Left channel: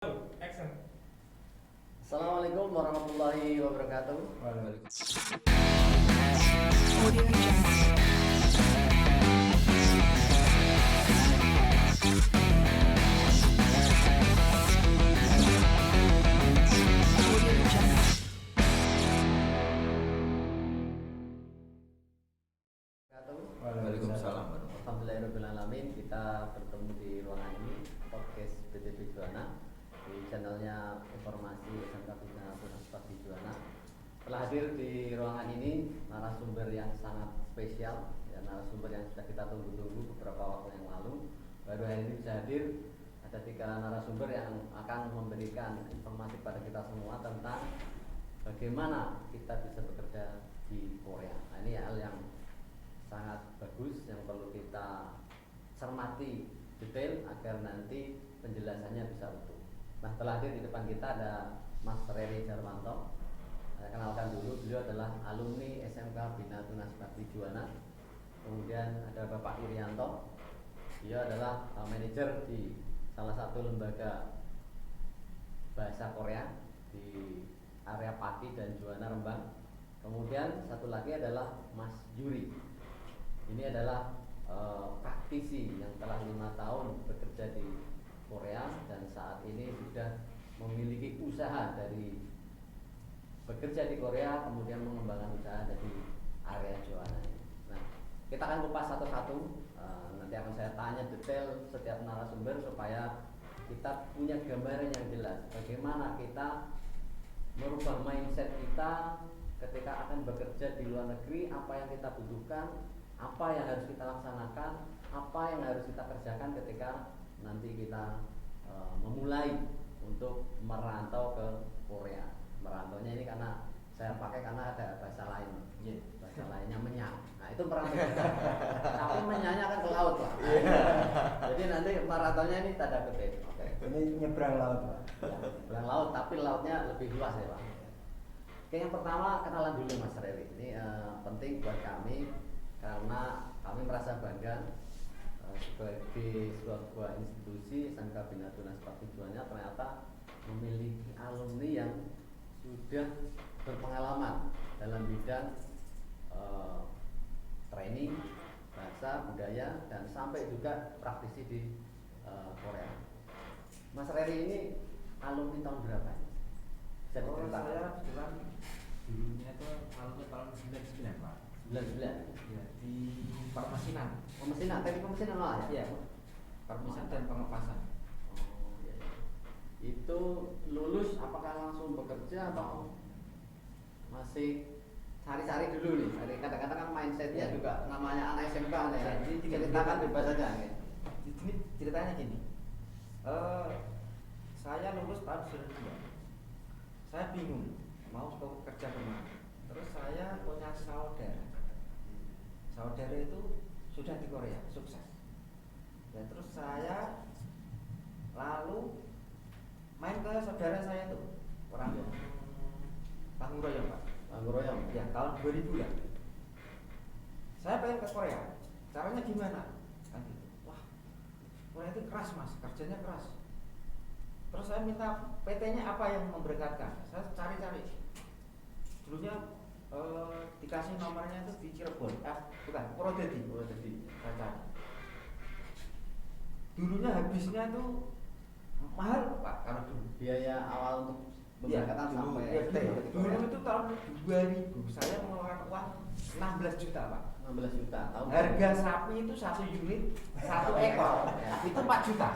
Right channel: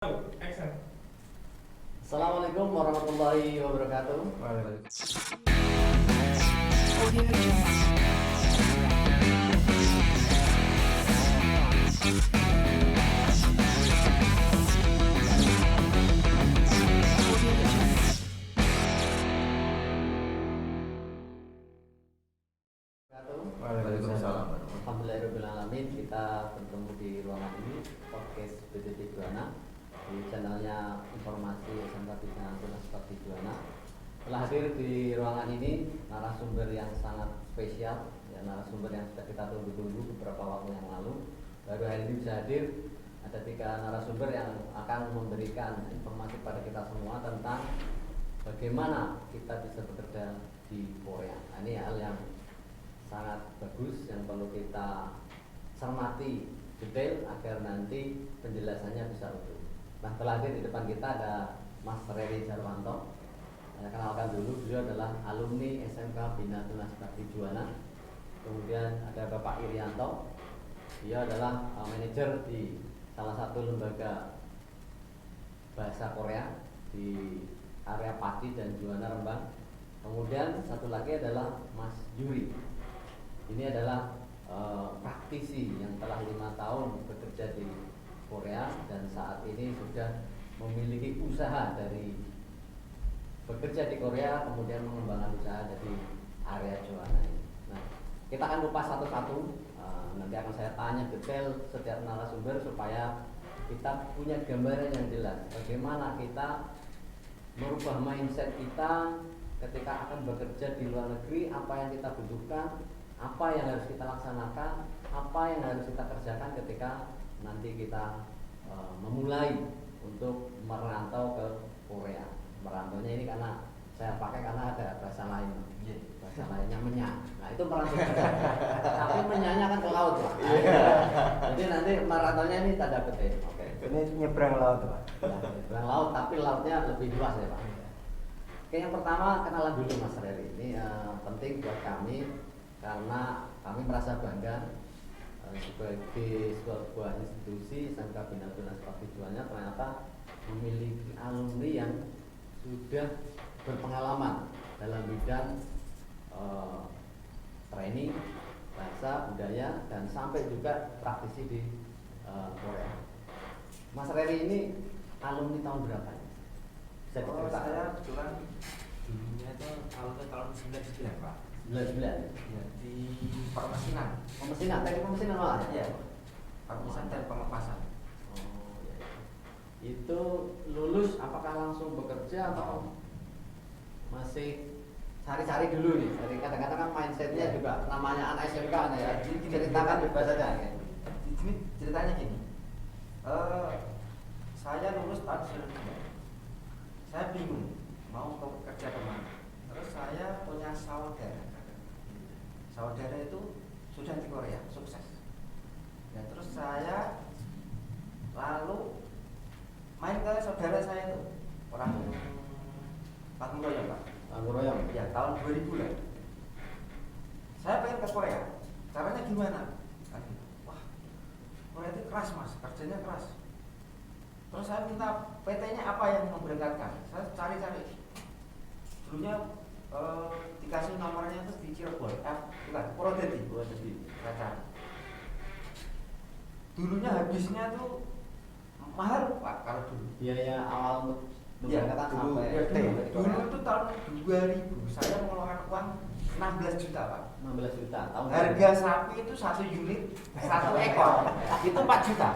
Assalamualaikum warahmatullahi wabarakatuh. Waalaikumsalam. Alhamdulillahirrahmanirrahim. Kita bertemu di ruangan ini podcast BTT Juana di channelnya informasi SMK Bina Universitas Juana. Telah hadir di ruangan ini narasumber yang sangat spesial, ya, narasumber yang sudah kita tunggu-tunggu beberapa waktu yang lalu. Baru hari ini bisa hadir. Ada 3 narasumber yang akan memberikan informasi pada kita semua tentang bagaimana kita bisa bekerja di Korea. Nah, ini hal yang sangat bagus yang perlu kita cermati detail agar nanti penjelasannya bisa utuh. Nah, terakhir di depan kita ada Mas Reri Jarwanto. Saya kenalkan dulu, beliau adalah alumni SMK Bina Universitas Juana. Kemudian ada Bapak Irianto, dia adalah manajer di salah satu lembaga bahasa Korea di area Pati dan Juana Rembang. Kemudian satu lagi adalah Mas Yuri. Ini adalah praktisi yang telah 5 tahun bekerja di Korea dan saat ini sudah memiliki usaha dari bekerja di Korea kemudian mengembangkan usaha dari area Juana. Nah, kita akan kupas satu-satu. Nanti akan saya tanya detail setiap narasumber supaya kita punya gambaran yang jelas bagaimana kita merubah mindset kita ketika akan bekerja di luar negeri, apa yang kita butuhkan, apa yang harus kita laksanakan, apa yang harus kita kerjakan ketika nanti kita memulai untuk merantau ke Korea. Merantaunya ini karena saya pakai karena ada bahasa lain, bahasa lainnya menyak. Nah, itu merantau. Tapi menyaknya kan ke laut, Pak. Jadi nanti merantaunya ini tanda kutip. Oke. Ini nyebrang laut, Pak. Ya, nyebrang laut tapi lautnya lebih luas ya, Pak. Oke, yang pertama kenalan dulu Mas Reri. Ini penting buat kami karena kami merasa bangga sebagai sebuah institusi SMK Bina Universitas Juana ternyata memiliki alumni yang sudah berpengalaman dalam bidang training bahasa, budaya dan sampai juga praktisi di Korea. Mas Reri ini alumni tahun berapa? Bisa diceritakan? Saya kebetulan dulunya itu tahun 99, Pak. 99. Ya, di permesinan. Pemesinan, teknik pemesinan malah ya? Iya. Permesinan dan pengemasan. Oh, iya. Itu lulus apakah langsung bekerja atau masih cari-cari dulu nih? Jadi kadang-kadang kan mindsetnya juga namanya anak SMK nih ya. Ceritakan bebas saja. Jadi ceritanya gini. Saya lulus tahun 99. Saya bingung mau kerja kemana. Terus saya punya saudara. Saudara itu sudah di Korea, sukses. Nah, terus saya lalu main ke saudara saya itu orang Pangguroyong, Pak. Pangguroyong. Ya, tahun 2000 ya. Saya pengen ke Korea. Caranya gimana? Kan gitu. Wah, Korea itu keras, Mas. Kerjanya keras. Terus saya minta PT-nya apa yang memberangkatkan. Saya cari-cari. Dulunya dikasih nomornya terus di Cirebon, bukan, Purwodadi. Kaca. Dulunya habisnya tuh mahal, Pak, kalau dulu. Biaya awal untuk Ya, memberangkatkan dulu, sampai ya, di dulu Korea. itu tahun 2000 saya mengeluarkan uang 16 juta, Pak. 16 juta tahun. Harga sapi itu 1 unit, 1 ekor itu 4 juta.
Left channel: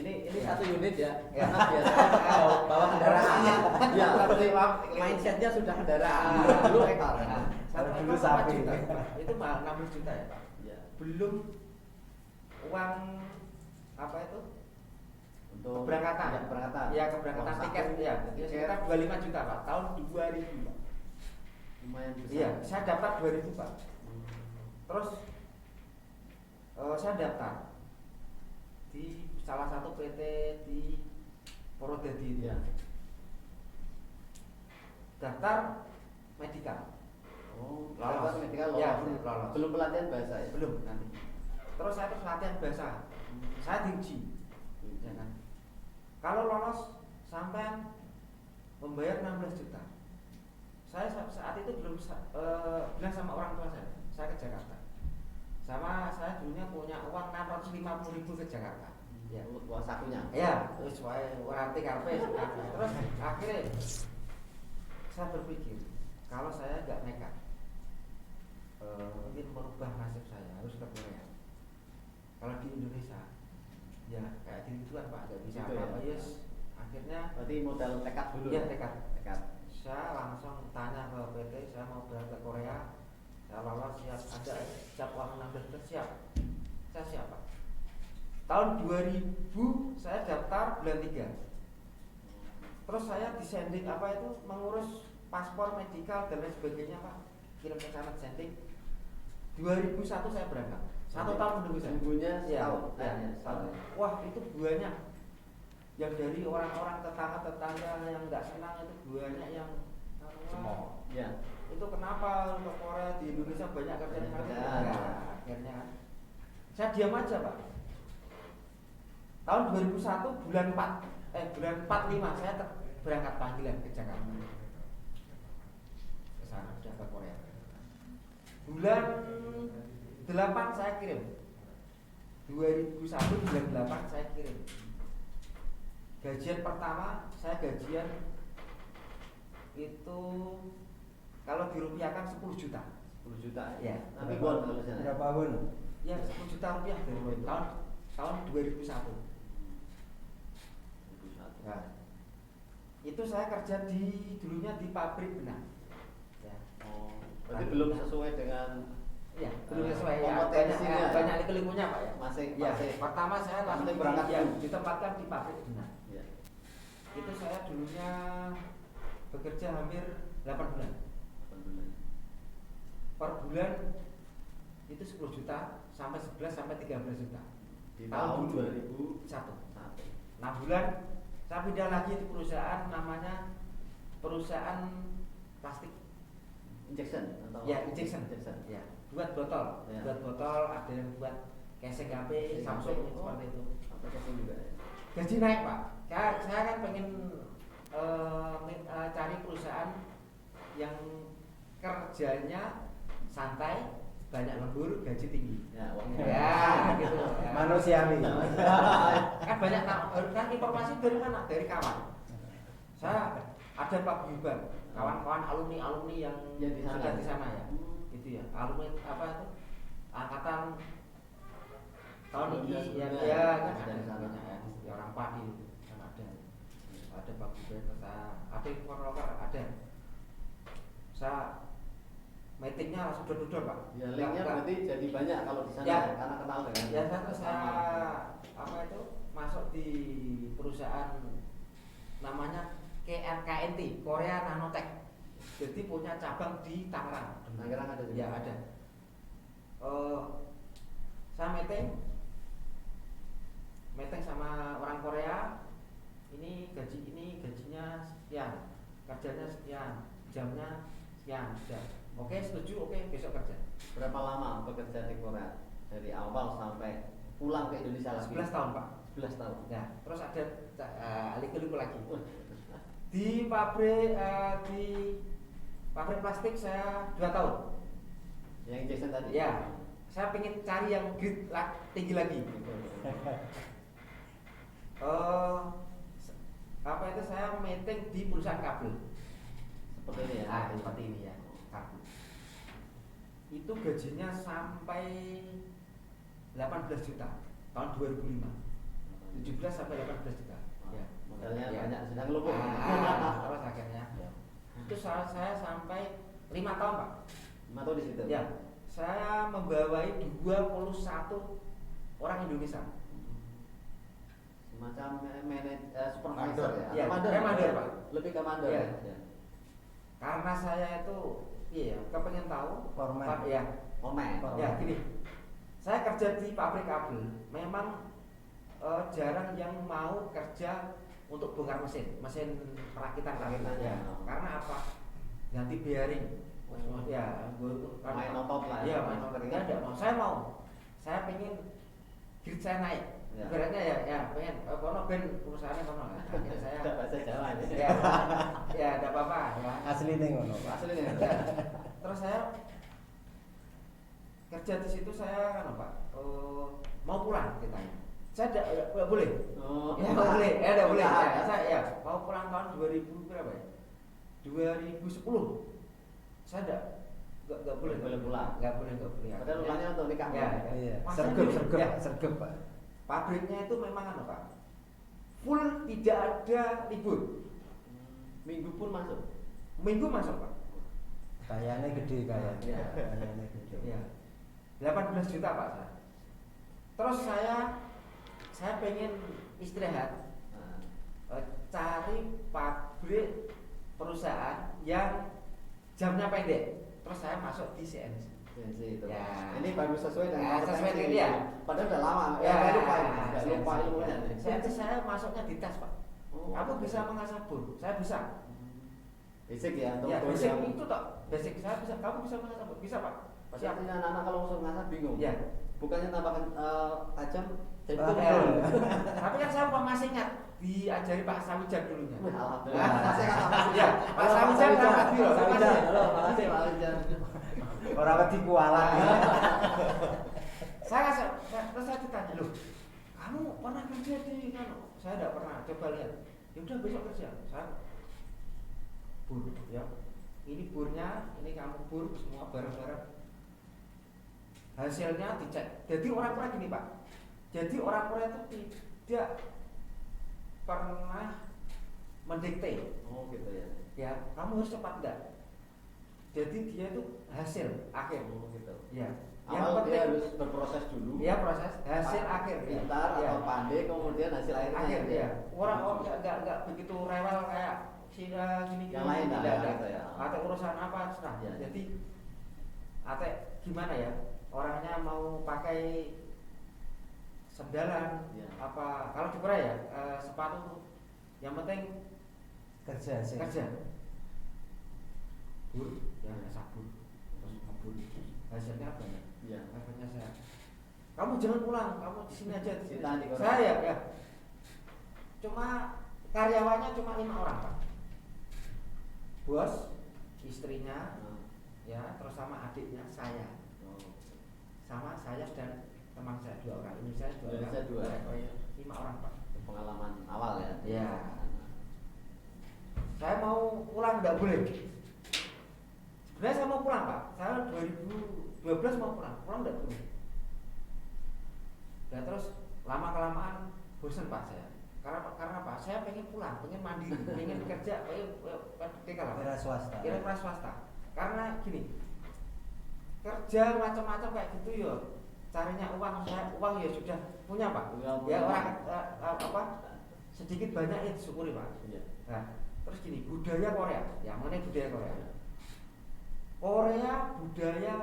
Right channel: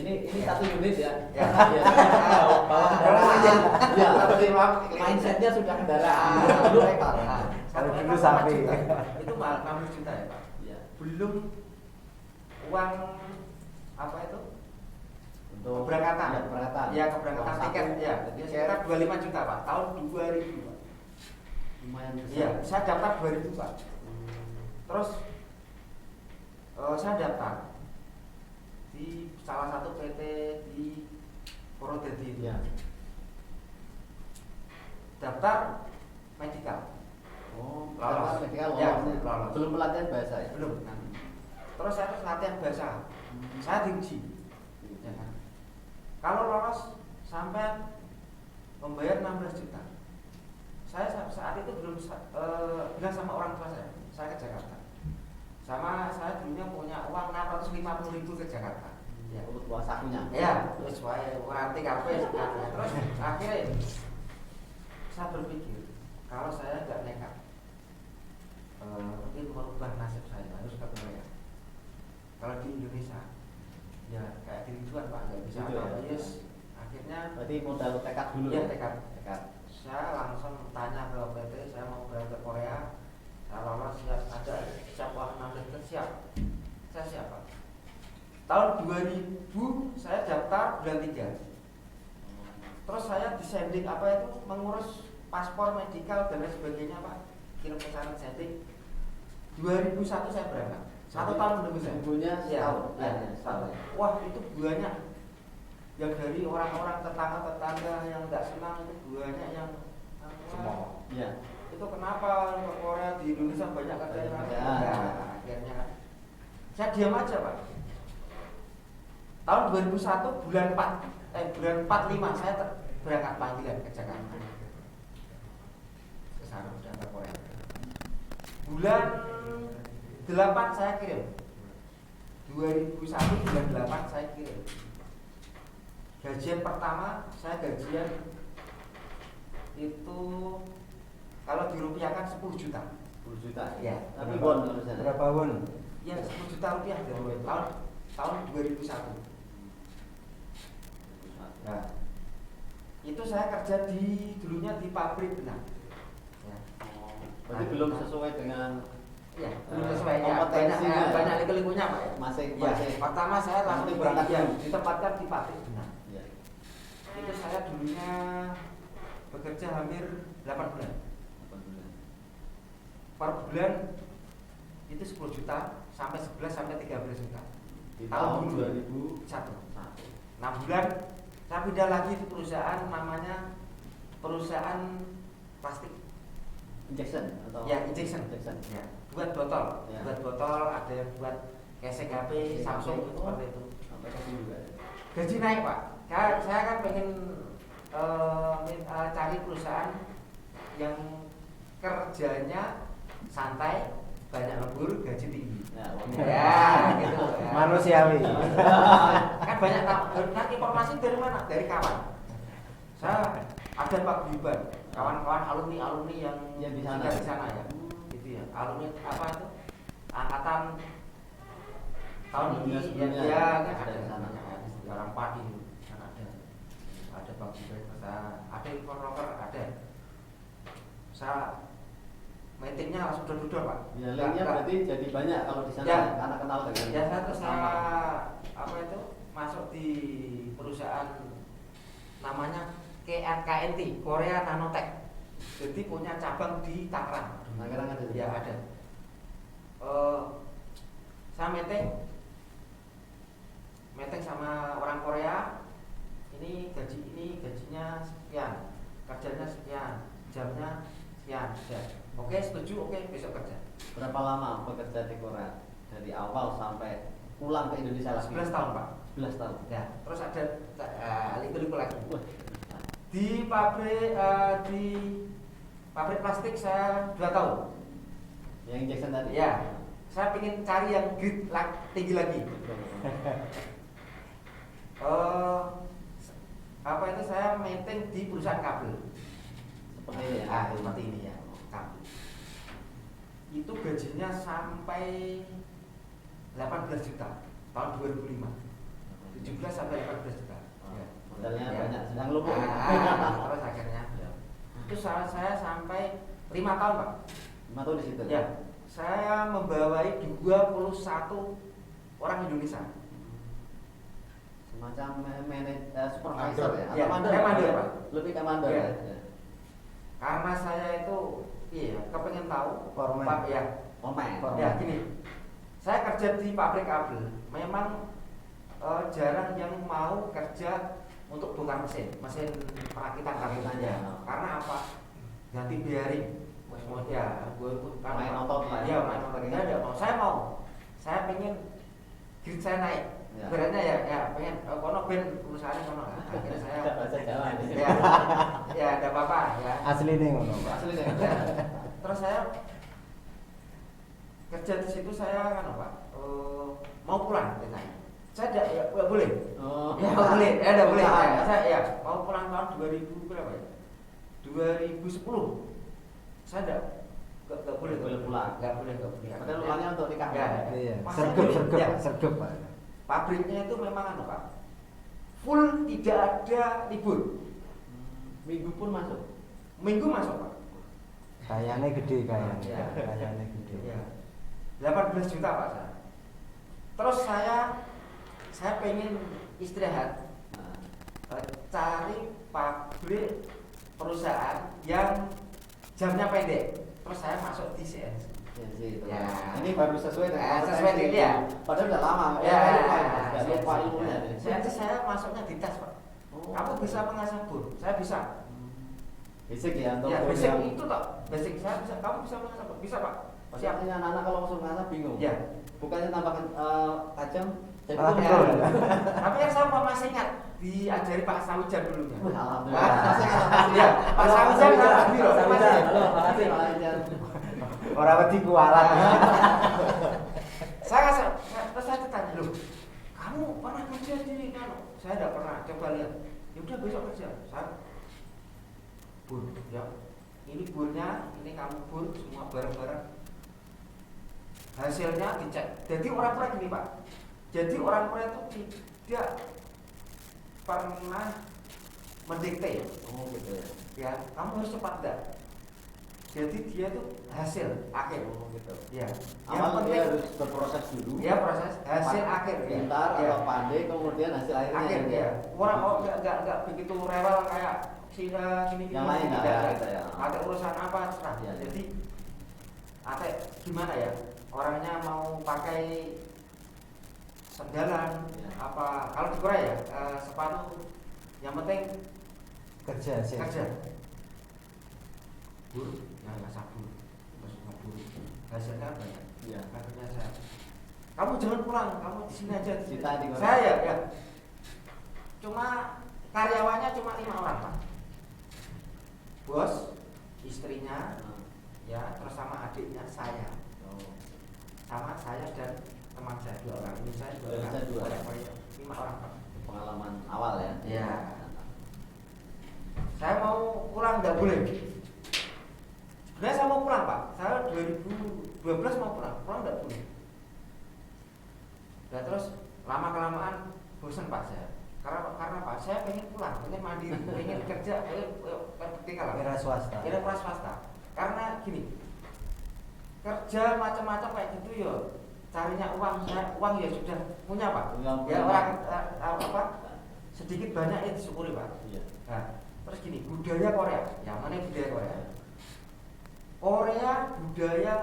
Ini 1 unit ya. Ya. Karena biasanya bawa kendaraan. Ya, Tapi maaf, mindsetnya sudah kendaraan. Dulu ekor. Satu Kalau ekor dulu 4 sapi. juta. Itu mahal 16 juta ya, Pak. Ya. Belum uang apa itu? Untuk Keberangkatan. Ya, keberangkatan. Ya, keberangkatan Uang tiket saku. ya. Jadi sekitar 25 juta, Pak. Tahun 2000, Pak. Lumayan besar. Iya, saya daftar 2000, Pak. Terus saya daftar di salah satu PT di Purwodadi itu. Ya. Daftar medikal. Oh, Lolos. medical Ya, lolos. lolos. Belum pelatihan bahasa ya? Belum nanti. Terus saya terus latihan bahasa. Saya diuji. Ya kan? Kalau lolos sampai membayar 16 juta. Saya saat itu belum bilang sama orang tua saya ke Jakarta. Sama saya dulunya punya uang 650.000 ke Jakarta. Ya, untuk uang sakunya. Ya, terus saya ngerti kafe. Terus akhirnya saya berpikir kalau saya nggak nekat, mungkin merubah nasib saya harus ke Korea. Kalau di Indonesia, ya kayak gituan Pak, nggak bisa Gitu ya? apa. Yes, akhirnya. Berarti modal tekad dulu. Iya, tekad. Tekad. Saya langsung tanya ke PT, saya mau berangkat ke Korea. Saya lolos, siap uang 16 juta, siap. Saya siap Pak. Tahun 2000 saya daftar bulan 3. Terus saya disending apa itu mengurus paspor medikal dan lain sebagainya Pak. Kirim ke sana sending. 2001 saya berangkat. 1 tahun menunggu saya. Ibunya setahun. ya, Setahun. Wah itu banyak. Yang dari orang-orang tetangga yang nggak senang itu banyak yang semua. Ya. Itu kenapa ke Korea di Indonesia banyak kerjaan? Ya, akhirnya saya diam aja Pak. Tahun 2001 bulan 45 saya berangkat panggilan ke Jakarta. Ke sana sudah ke Korea. Bulan 8 saya kirim. 2001 bulan 8 saya kirim. Gajian pertama saya gajian itu kalau dirupiahkan 10 juta. 10 juta. Ya. Tapi won harusnya. Berapa won? Ya 10 juta rupiah dari tahun 2001. Nah, itu saya kerja dulunya di pabrik benang. Ya. Berarti belum sesuai dengan Ya, belum sesuai ya. kompetensinya. Banyak liku-likunya Pak ya. Masih. Pertama saya langsung berangkat dulu. ditempatkan di pabrik benang. Ya. Itu saya dulunya bekerja hampir 8 bulan. Per bulan itu 10 juta sampai 11 sampai 13 juta. Di tahun 2001. 6 bulan saya pindah lagi di perusahaan namanya perusahaan plastik. Injection atau Ya, injection. Ya, buat botol. Ya. Buat botol, ada yang buat gesek HP, Samsung itu seperti itu. Sampai ke sini juga. Gaji naik Pak. Saya kan pengen cari perusahaan yang kerjanya santai, banyak lembur, gaji tinggi. Ya, Gitu. Manusiawi. Kan banyak nah, informasi dari mana? Dari kawan. Saya ada Pak Biban, kawan-kawan alumni yang di sana. di sana ya. Gitu ya. Alumni apa itu? Angkatan tahun ini sebelumnya ya ada di sana. Orang Padi kan ada Pak Biban, ada informer ada. Saya meetingnya langsung duduk Pak. Ya, linknya berarti jadi banyak kalau di sana Ya. karena ketahuan dengan. Ya saya apa itu masuk di perusahaan namanya KNT Korea Nanotech. Jadi punya cabang di Tangerang. Tangerang ada. Ya ada. Saya meeting sama orang Korea. Ini gajinya sekian, kerjanya sekian, jamnya sekian. Ya. Oke setuju, oke besok kerja. Berapa lama bekerja di Korea? Dari awal sampai pulang ke Indonesia lagi? 11 tahun Pak. 11 tahun. Ya, terus ada liku-liku lagi. Di pabrik plastik saya 2 tahun. Yang injection tadi? Ya, saya ingin cari yang grade tinggi lagi. Apa itu saya meeting di perusahaan kabel. Seperti ini ya? Seperti ini ya, kabel. Itu gajinya sampai 18 juta tahun 2005. 17 sampai 18 juta. Ya. Modalnya Ya. banyak, sedang lupa. Terus akhirnya itu saya sampai 5 tahun Pak. 5 tahun di situ? Ya, saya membawai 21 orang Indonesia. Semacam supervisor ya? Ya, Atau saya mandor, Pak. Lebih ke mandor Ya. ya? Karena saya itu kepengen tahu Foreman. Pak ya. Online. Ya gini, saya kerja di pabrik kabel. Memang jarang yang mau kerja untuk bongkar mesin perakitan Ya. Karena apa? Ganti bearing. Ya, Main otot lah. Iya, main otot. Saya tidak mau. Saya pengen grade saya naik. Ya. Beratnya ya pengen kono ben perusahaan kono lah. Akhirnya saya Tidak bahasa Jawa ya ada apa-apa ya. Asli nih ngono. Asli nih. Ya. Terus saya kerja di situ saya kan apa? Mau pulang ditanya. Saya tidak boleh. Oh. Ya boleh, tidak boleh. Usaha, Ya, saya ya mau pulang tahun 2000 berapa ya? 2010. Saya nggak boleh pulang. Nggak boleh Padahal pulangnya untuk nikah. Ya. Iya. Masih Sergap, ya. sergap, Pak. Pabriknya itu memang anu Pak, full tidak ada libur. Minggu pun masuk. Minggu masuk Pak. Kayaknya gede kayaknya. Ya. Kayaknya gede. Ya. 18 juta Pak saya. Terus saya pengen istirahat, cari pabrik perusahaan yang jamnya pendek. Terus saya masuk di CNC. Itu. Ya. Ini baru sesuai dengan Ya, sesuai kompetensi. itu ya. Padahal udah lama. Ya, Nggak lupa ilmunya nih. saya masuknya di tes Pak. Oh. Kamu bisa mengasah bor, saya bisa. Basic ya untuk Ya basic yang- itu toh, basic saya bisa. Kamu bisa mengasah bor, bisa Pak. Siap. Siap. Anak-anak kalau masuk ngasah bingung. Ya. Bukannya tambahkan tajam. Malah Ya. betul. Tapi yang saya masih ingat diajari Pak Sawijan dulunya. Alhamdulillah. Ya, Pak Sawijan kan tadi loh, Pak masih. Makasih Pak Ajar. Orang wedi kualat. Terus saya ditanya, loh, kamu pernah kerja di mana? Saya tidak pernah. Coba lihat. Ya udah besok kerja. Saya bur, ya. Ini burnya, ini kamu bur, semua bareng-bareng. Hasilnya dicek. Jadi orang-orang gini Pak. Jadi orang-orang itu tidak pernah mendikte. Oh gitu ya. Ya, kamu harus cepat enggak. Jadi dia itu hasil akhir. Oh gitu. Ya. Awal dia harus berproses dulu. Ya proses hasil akhir. Pintar ya. atau pandai, kemudian hasil akhirnya. Akhir gitu ya. Orang enggak begitu rewel kayak sini Yang lain lah, tidak. ya, gitu ya. Ada urusan apa terserah. Ya. Jadi ate gimana ya? Orangnya mau pakai sendalan Ya. apa kalau di Korea ya sepatu yang penting Kerja sih. kerja bur ya nggak sabur terus ngebur hasilnya apa ya Ya. katanya saya kamu jangan pulang kamu di sini aja Cita di Korea. saya ya cuma karyawannya cuma 5 orang Pak, bos istrinya ya terus sama adiknya saya Oh. sama saya dan teman saya 2 orang ini saya 2 orang Saya 2. Oh, iya. 5 orang Pak. Pengalaman awal ya. Iya. Saya mau pulang nggak boleh. Sebenarnya saya mau pulang Pak. Saya 2012 mau pulang nggak boleh. Nah terus lama kelamaan bosan Pak saya. Karena Pak saya pengen pulang, pengen mandiri, pengen kerja, Kira swasta. kira swasta. Karena gini, kerja macam-macam kayak gitu ya, carinya uang ya sudah punya Pak. Ya orang apa sedikit banyak ya disyukuri Pak. Iya. Nah, terus gini, budaya Korea, yang mana budaya Korea? Korea budaya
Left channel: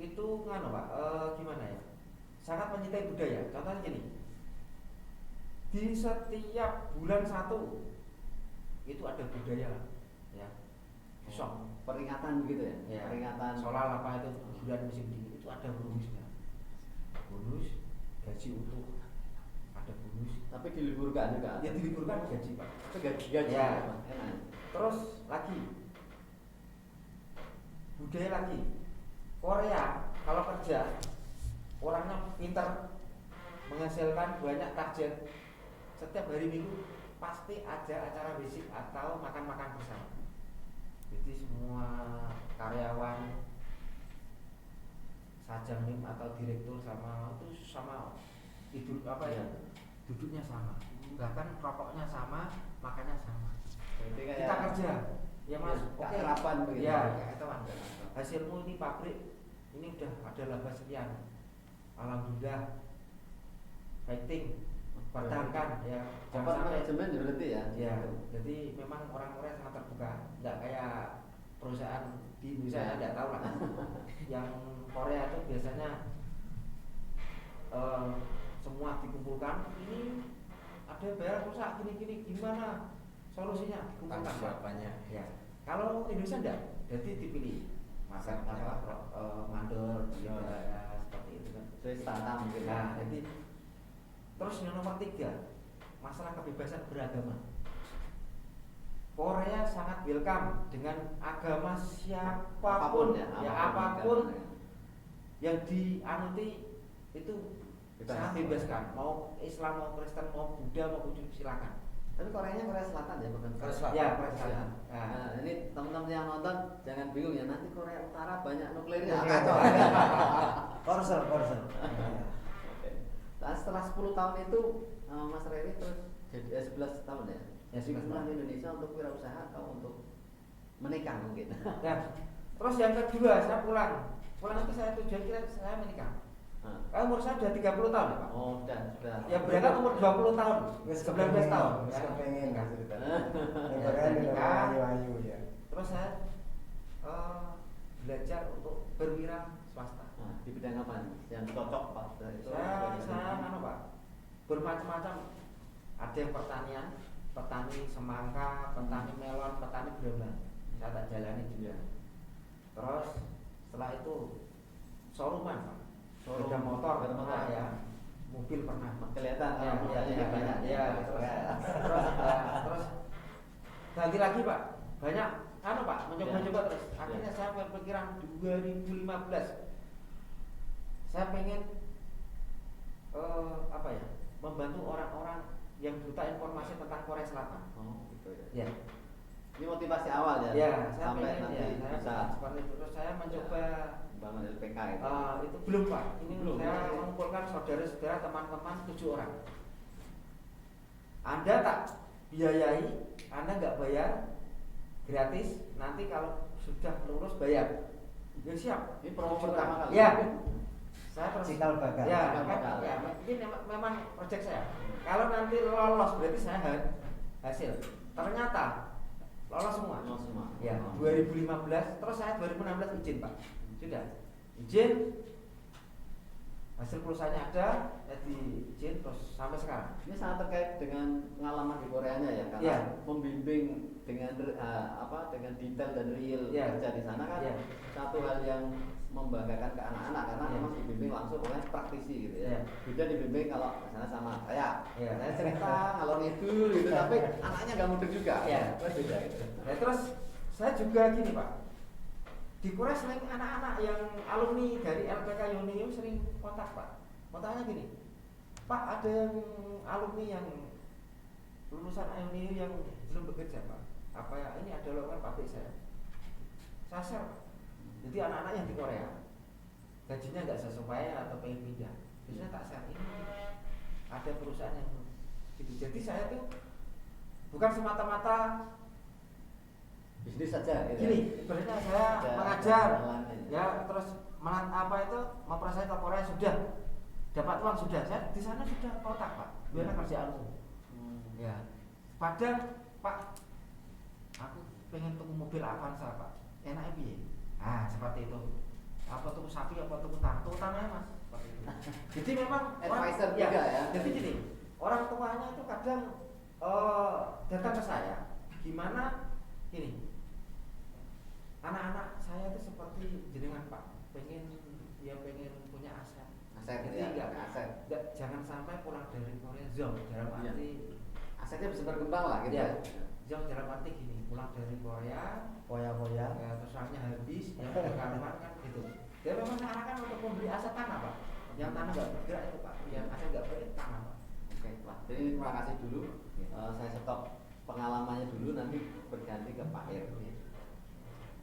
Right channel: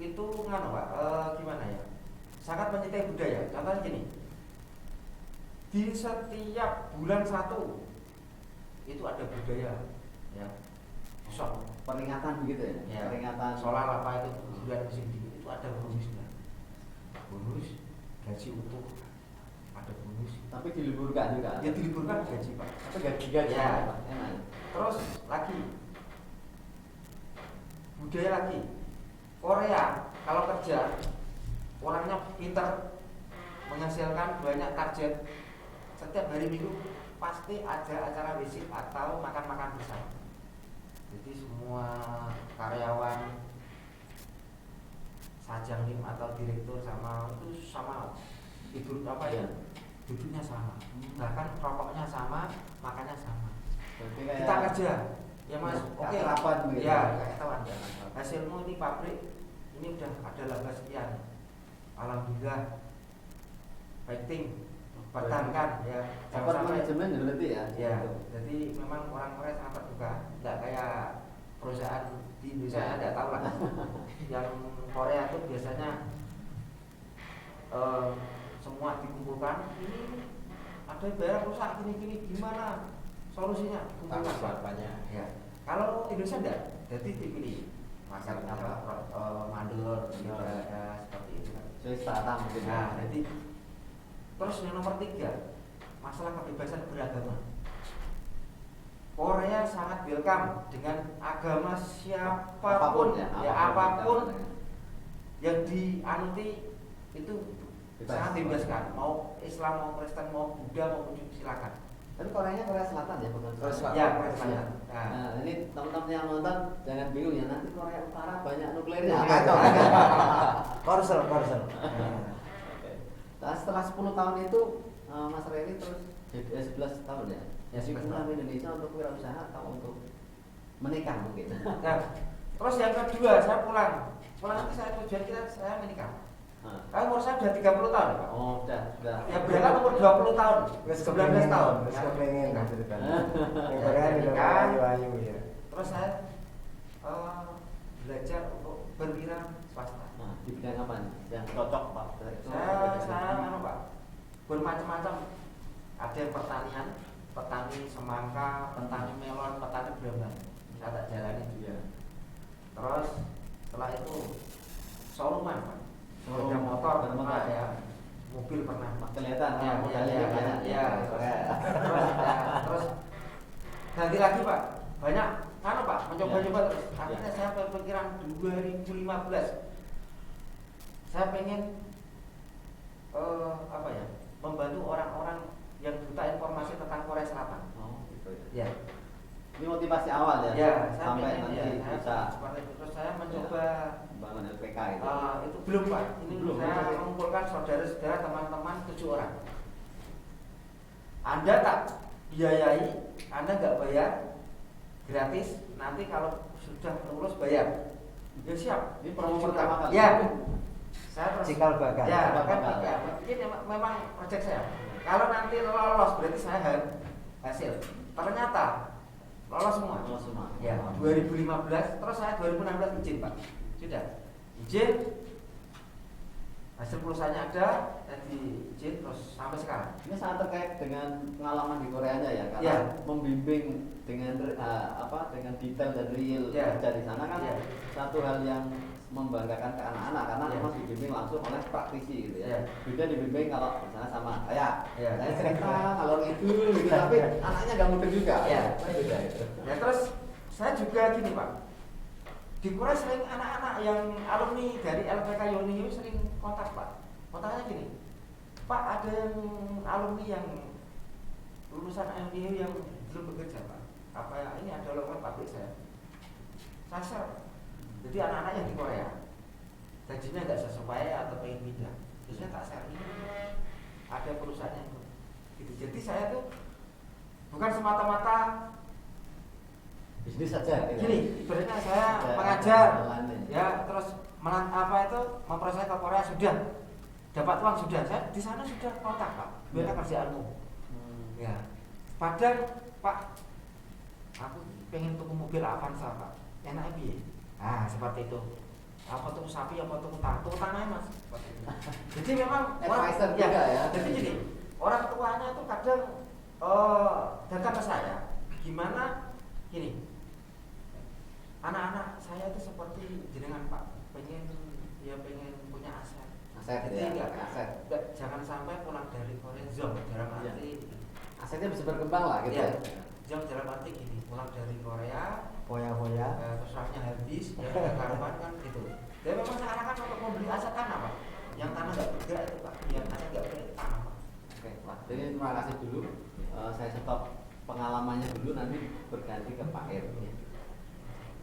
itu nganu Pak, gimana ya? Sangat mencintai budaya. Contohnya gini, di setiap bulan 1 itu ada budaya, ya. Sok Peringatan begitu ya. Ya, Peringatan soal apa itu bulan musim dingin itu ada bonusnya. Bonus gaji utuh, ada bonus. tapi diliburkan juga. Ya diliburkan gaji Pak. Tapi gaji Ya. enak. Terus lagi budaya lagi Korea kalau kerja orangnya pinter menghasilkan banyak target setiap hari Minggu pasti ada acara basic atau makan-makan bersama. Jadi semua karyawan sajangnim atau direktur sama itu sama tidur apa ya duduknya sama bahkan rokoknya sama makannya sama. Jadi kayak Kita kerja ya mas oke keakraban begitu. ya ketahuan hasilmu di pabrik ini udah ada laba sekian alhamdulillah fighting pertahankan ya jangan Dapat sampai manajemen ya berarti ya. ya jadi memang orang Korea sangat terbuka nggak kayak perusahaan di Indonesia Ya. nggak tahu lah yang Korea tuh biasanya semua dikumpulkan ini ada bayar rusak gini gimana solusinya kumpulkan banyak. ya kalau Indonesia enggak jadi dipilih makan apa mandor Ya. seperti itu Saya startup begitu. nah jadi terus yang nomor 3 masalah kebebasan beragama sangat welcome dengan agama Apapun siapapun, ya, apapun yang dianuti itu sangat bebaskan. Mau Islam, mau Kristen, mau Buddha, mau Buddha, silakan. Tapi Koreanya Korea Selatan ya, bukan Korea Selatan. Ya, Korea Selatan. Nah, ini teman-teman yang nonton jangan bingung ya, nanti Korea Utara banyak nuklirnya. Ya, kacau. Korsel. Nah, setelah 10 tahun itu Mas Reni terus 11 tahun ya. Ya, Jadi 11 pulang tahun. ke Indonesia untuk wirausaha atau untuk menikah mungkin. Nah, terus yang kedua saya pulang itu saya tujuan saya menikah. Umur saya sudah 30 tahun ya, Pak. Oh, sudah. Ya berangkat umur 20 tahun, 19 tahun. Wis Ya, kepengen nikah. ceritanya. Ya, Korea nikah. udah ayu ya. Terus saya belajar untuk berwira swasta. Nah, di bidang apa nih? Yang cocok Pak? Saya Pak, bermacam-macam. Ada yang pertanian, petani semangka, petani melon, petani brambang. Saya tak jalani juga. Terus setelah itu showrooman, Pak. Sepeda motor pernah ya, mobil pernah. Kelihatan Ya. Terus ganti lagi Pak, banyak Pak, mencoba-coba terus. Akhirnya saya berpikiran 2015 saya pengen membantu orang-orang yang buta informasi tentang Korea Selatan. Oh, gitu ya. Ya. Ini motivasi awal ya. Ya, saya sampai pengen nanti ya, bisa seperti itu. Terus saya mencoba bangun LPK itu. itu belum Pak, ini Belum. saya mengumpulkan saudara-saudara teman-teman 7 orang. Anda tak biayai, Anda nggak bayar, gratis. Nanti kalau sudah lulus bayar. Ya siap. Ini promo pertama kali. Ya. Saya terus. Cikal bakal. Ya, Cikal kan, bakal. ya, ini memang proyek saya. Kalau nanti lolos berarti saya hasil. Ternyata lolos semua. Lolos semua. Ya, 2015 terus saya 2016 izin Pak. Sudah. Izin. Hasil perusahaannya ada, jadi izin terus sampai sekarang. Ini sangat terkait dengan pengalaman di Koreanya ya, karena Ya. membimbing dengan dengan detail dan real Ya. kerja di sana kan Ya. satu hal yang membanggakan ke anak-anak karena Ya. memang dibimbing langsung oleh praktisi gitu ya. Ya. Beda dibimbing kalau misalnya sama saya Ya. cerita kalau itu gitu, tapi anaknya nggak mudah juga. Ya. Kan beda itu. Nah terus saya juga gini Pak, di Korea sering anak-anak yang alumni dari LPK Yoni itu sering kontak Pak. Kontaknya gini, Pak ada yang alumni yang lulusan Yoni yang belum bekerja Pak. Apa ya ini ada lowongan pabrik saya. Saya share. Jadi anak-anak yang di Korea gajinya nggak sesuai atau pengen pindah, biasanya tak share ini ada perusahaan yang gitu. Jadi saya tuh bukan semata-mata Bisnis saja gitu. gini, ibaratnya saya Ada mengajar, jalannya. ya terus memproses ke Korea sudah dapat uang sudah, saya di sana sudah kontak Pak, gimana Ya. kerjaanmu? Hmm. Ya, Padang Pak, aku pengen tuku mobil Avanza Pak, enak piye? Nah seperti itu. Apa tuku sapi, apa tuku tanah Mas? Seperti itu. Jadi memang Advisor juga ya. Jadi gini, orang tuanya tuh kadang datang ke saya, gimana gini. Anak-anak saya itu seperti jenengan Pak, pengen punya aset. Aset gitu ya. Jadi Aset. jangan sampai pulang dari Korea zong dalam Ya. arti Asetnya bisa berkembang lah gitu ya. ya. Zong dalam arti gini, pulang dari Korea Foya-foya. terus uangnya habis, ya karuan kan gitu. Dia memang seakan-akan untuk membeli aset tanah Pak, yang tanah nggak bergerak itu Pak, yang tanah nggak punya tanah Pak. Oke, Pak. Jadi terima kasih dulu. Saya stop pengalamannya dulu, nanti berganti ke Pak Ir.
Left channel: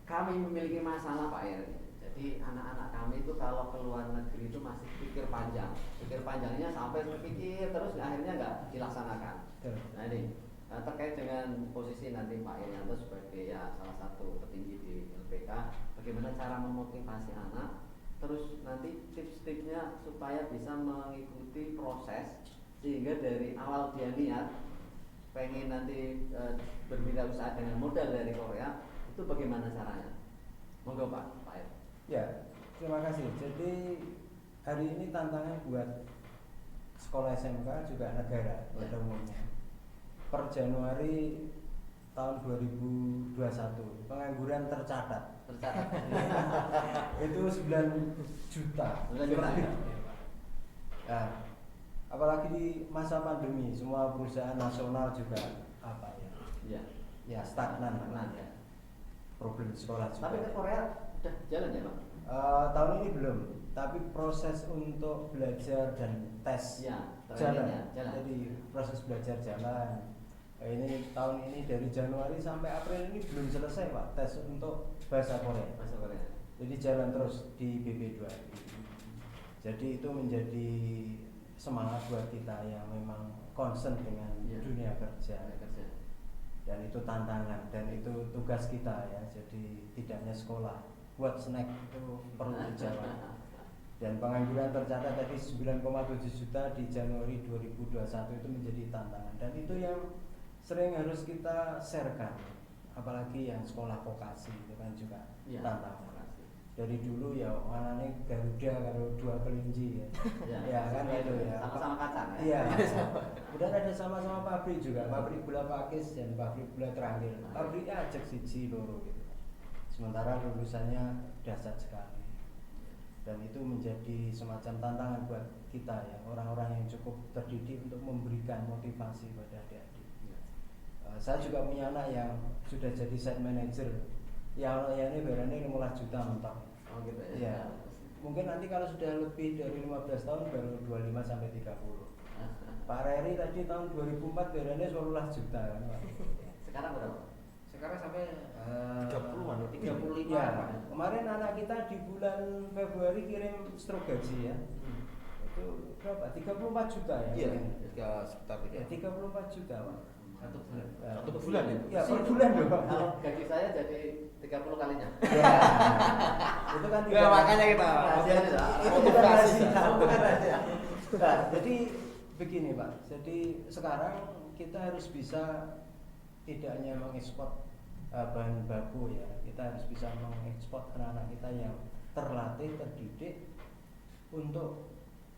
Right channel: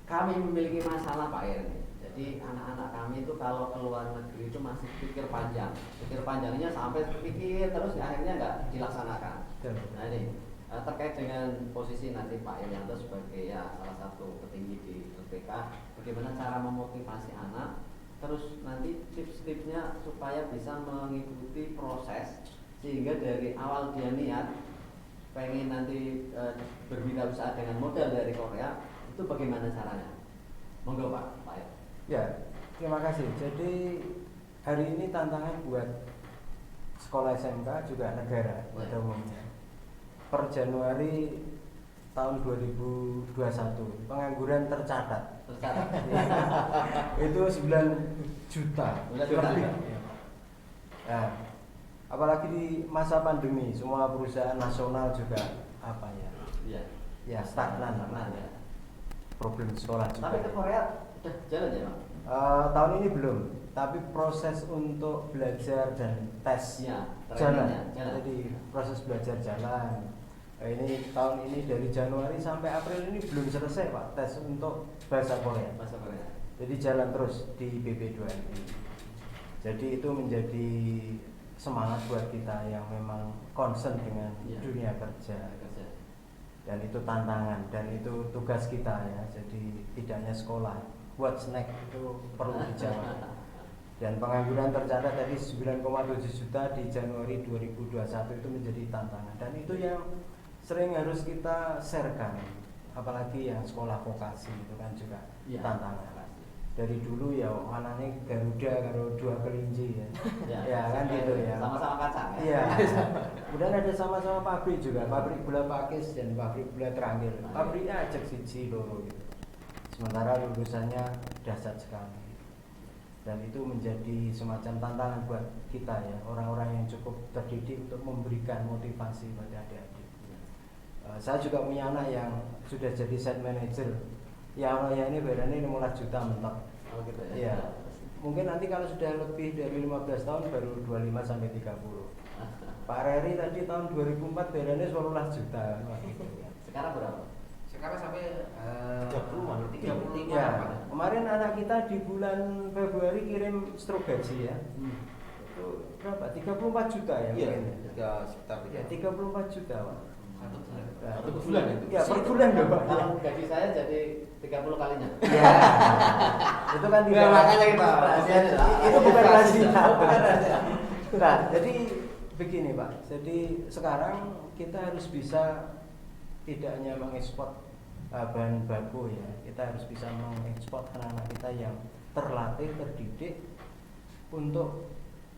Kami memiliki masalah Pak Ir ini. Jadi anak-anak kami itu kalau ke luar negeri itu masih pikir panjang. Pikir panjangnya sampai pikir terus akhirnya nggak dilaksanakan. Nah ini terkait dengan posisi nanti Pak Irianto sebagai ya salah satu petinggi di LPK, bagaimana cara memotivasi anak, terus nanti tips-tipsnya supaya bisa mengikuti proses sehingga dari awal dia niat pengen nanti berwirausaha dengan modal dari Korea, itu bagaimana caranya? Monggo Pak Ir. Ya, terima kasih. Jadi hari ini tantangan buat sekolah SMK juga negara pada umumnya. Per Januari tahun 2021 pengangguran tercatat itu 9 juta. 9 juta. Nah, apalagi di masa pandemi semua perusahaan nasional juga apa ya? Iya. Ya, stagnan namanya. Problem sekolah juga. Tapi ke Korea udah jalan ya Pak? Tahun ini belum, tapi proses untuk belajar dan tes Iya, jalan. jalan. Jadi proses belajar jalan. Ini tahun ini dari Januari sampai April ini belum selesai Pak tes untuk bahasa Korea. Bahasa Korea. Jadi jalan terus di BP2MI. Jadi itu menjadi semangat buat kita yang memang concern dengan Iya. dunia kerja. Dan itu tantangan dan itu tugas kita ya. Jadi tidak hanya sekolah, buat snack itu perlu dijawab. Dan pengangguran tercatat tadi 9,7 juta di Januari 2021 itu menjadi tantangan. Dan itu yang sering harus kita sharekan, apalagi yang sekolah vokasi itu kan juga Iya. tantangan. Dari dulu ya mana nih Garuda kalau dua kelinci ya, ya kan itu ya. Sama-sama kacang ya. Iya. Udah ada sama-sama pabrik juga, pabrik gula pakis dan pabrik gula terakhir. Pabriknya ajak siji loro gitu. Sementara lulusannya dahsyat sekali. Dan itu menjadi semacam tantangan buat kita ya, orang-orang yang cukup terdidik untuk memberikan motivasi pada adik-adik. Saya juga punya anak yang sudah jadi site manager. Ya Allah ya ini bayarnya 15 juta mentok. Oh gitu ya. Iya. Mungkin nanti kalau sudah lebih dari 15 tahun baru 25 sampai 30. Pak Reri tadi tahun 2004 bayarnya 12 juta. Sekarang berapa? Sekarang sampai 30, 35. Ya, kemarin anak kita di bulan Februari kirim stroke gaji ya. Itu berapa? 34 juta ya? Iya, mungkin. sekitar Ya, 34 juta Pak. satu bulan. Ya, Satu bulan itu. Ya, per bulan loh Pak. Kalau gaji saya jadi 30 kalinya. Ya. Itu kan tidak. Nah, makanya kita Itu bukan rahasia, bukan rahasia. Nah, jadi begini Pak. Jadi sekarang kita harus bisa tidak hanya mengekspor bahan baku ya, kita harus bisa mengekspor anak-anak kita yang terlatih, terdidik untuk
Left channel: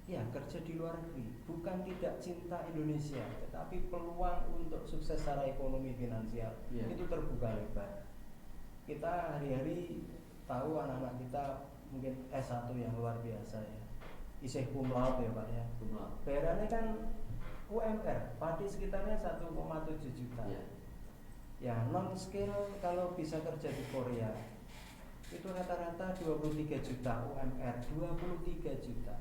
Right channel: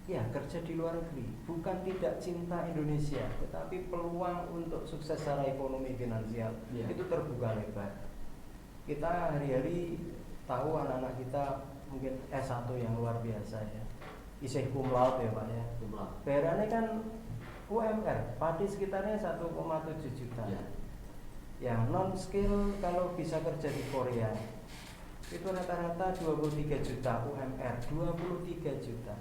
ya kerja di luar negeri. Bukan tidak cinta Indonesia, tetapi peluang untuk sukses secara ekonomi finansial itu terbuka lebar. Kita hari-hari tahu anak-anak kita mungkin S1 yang luar biasa ya, isih cum laude ya Pak ya. Bayarannya kan UMR, padi sekitarnya 1,7 juta. Ya non skill kalau bisa kerja di Korea itu rata-rata 23 juta UMR, 23 juta.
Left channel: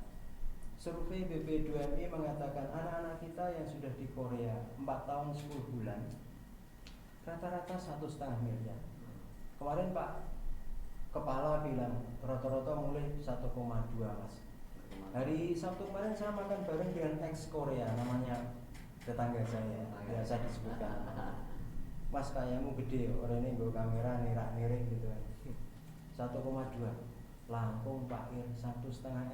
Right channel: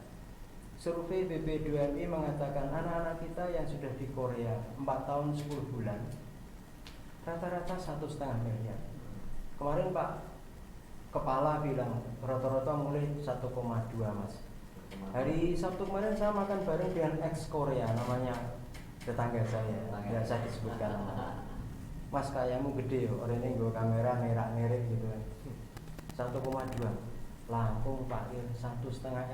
Survei BP2MI mengatakan anak-anak kita yang sudah di Korea 4 tahun 10 bulan rata-rata 1,5 miliar. Kemarin Pak Kepala bilang rata-rata mulai 1,2 Mas. Hari Sabtu kemarin saya makan bareng dengan ex Korea, namanya tetangga saya, biasa disebutkan. Mas kayamu gede, orang ini gue kamera nerak-nerik gitu kan. 1,2 langkung Pak 1,5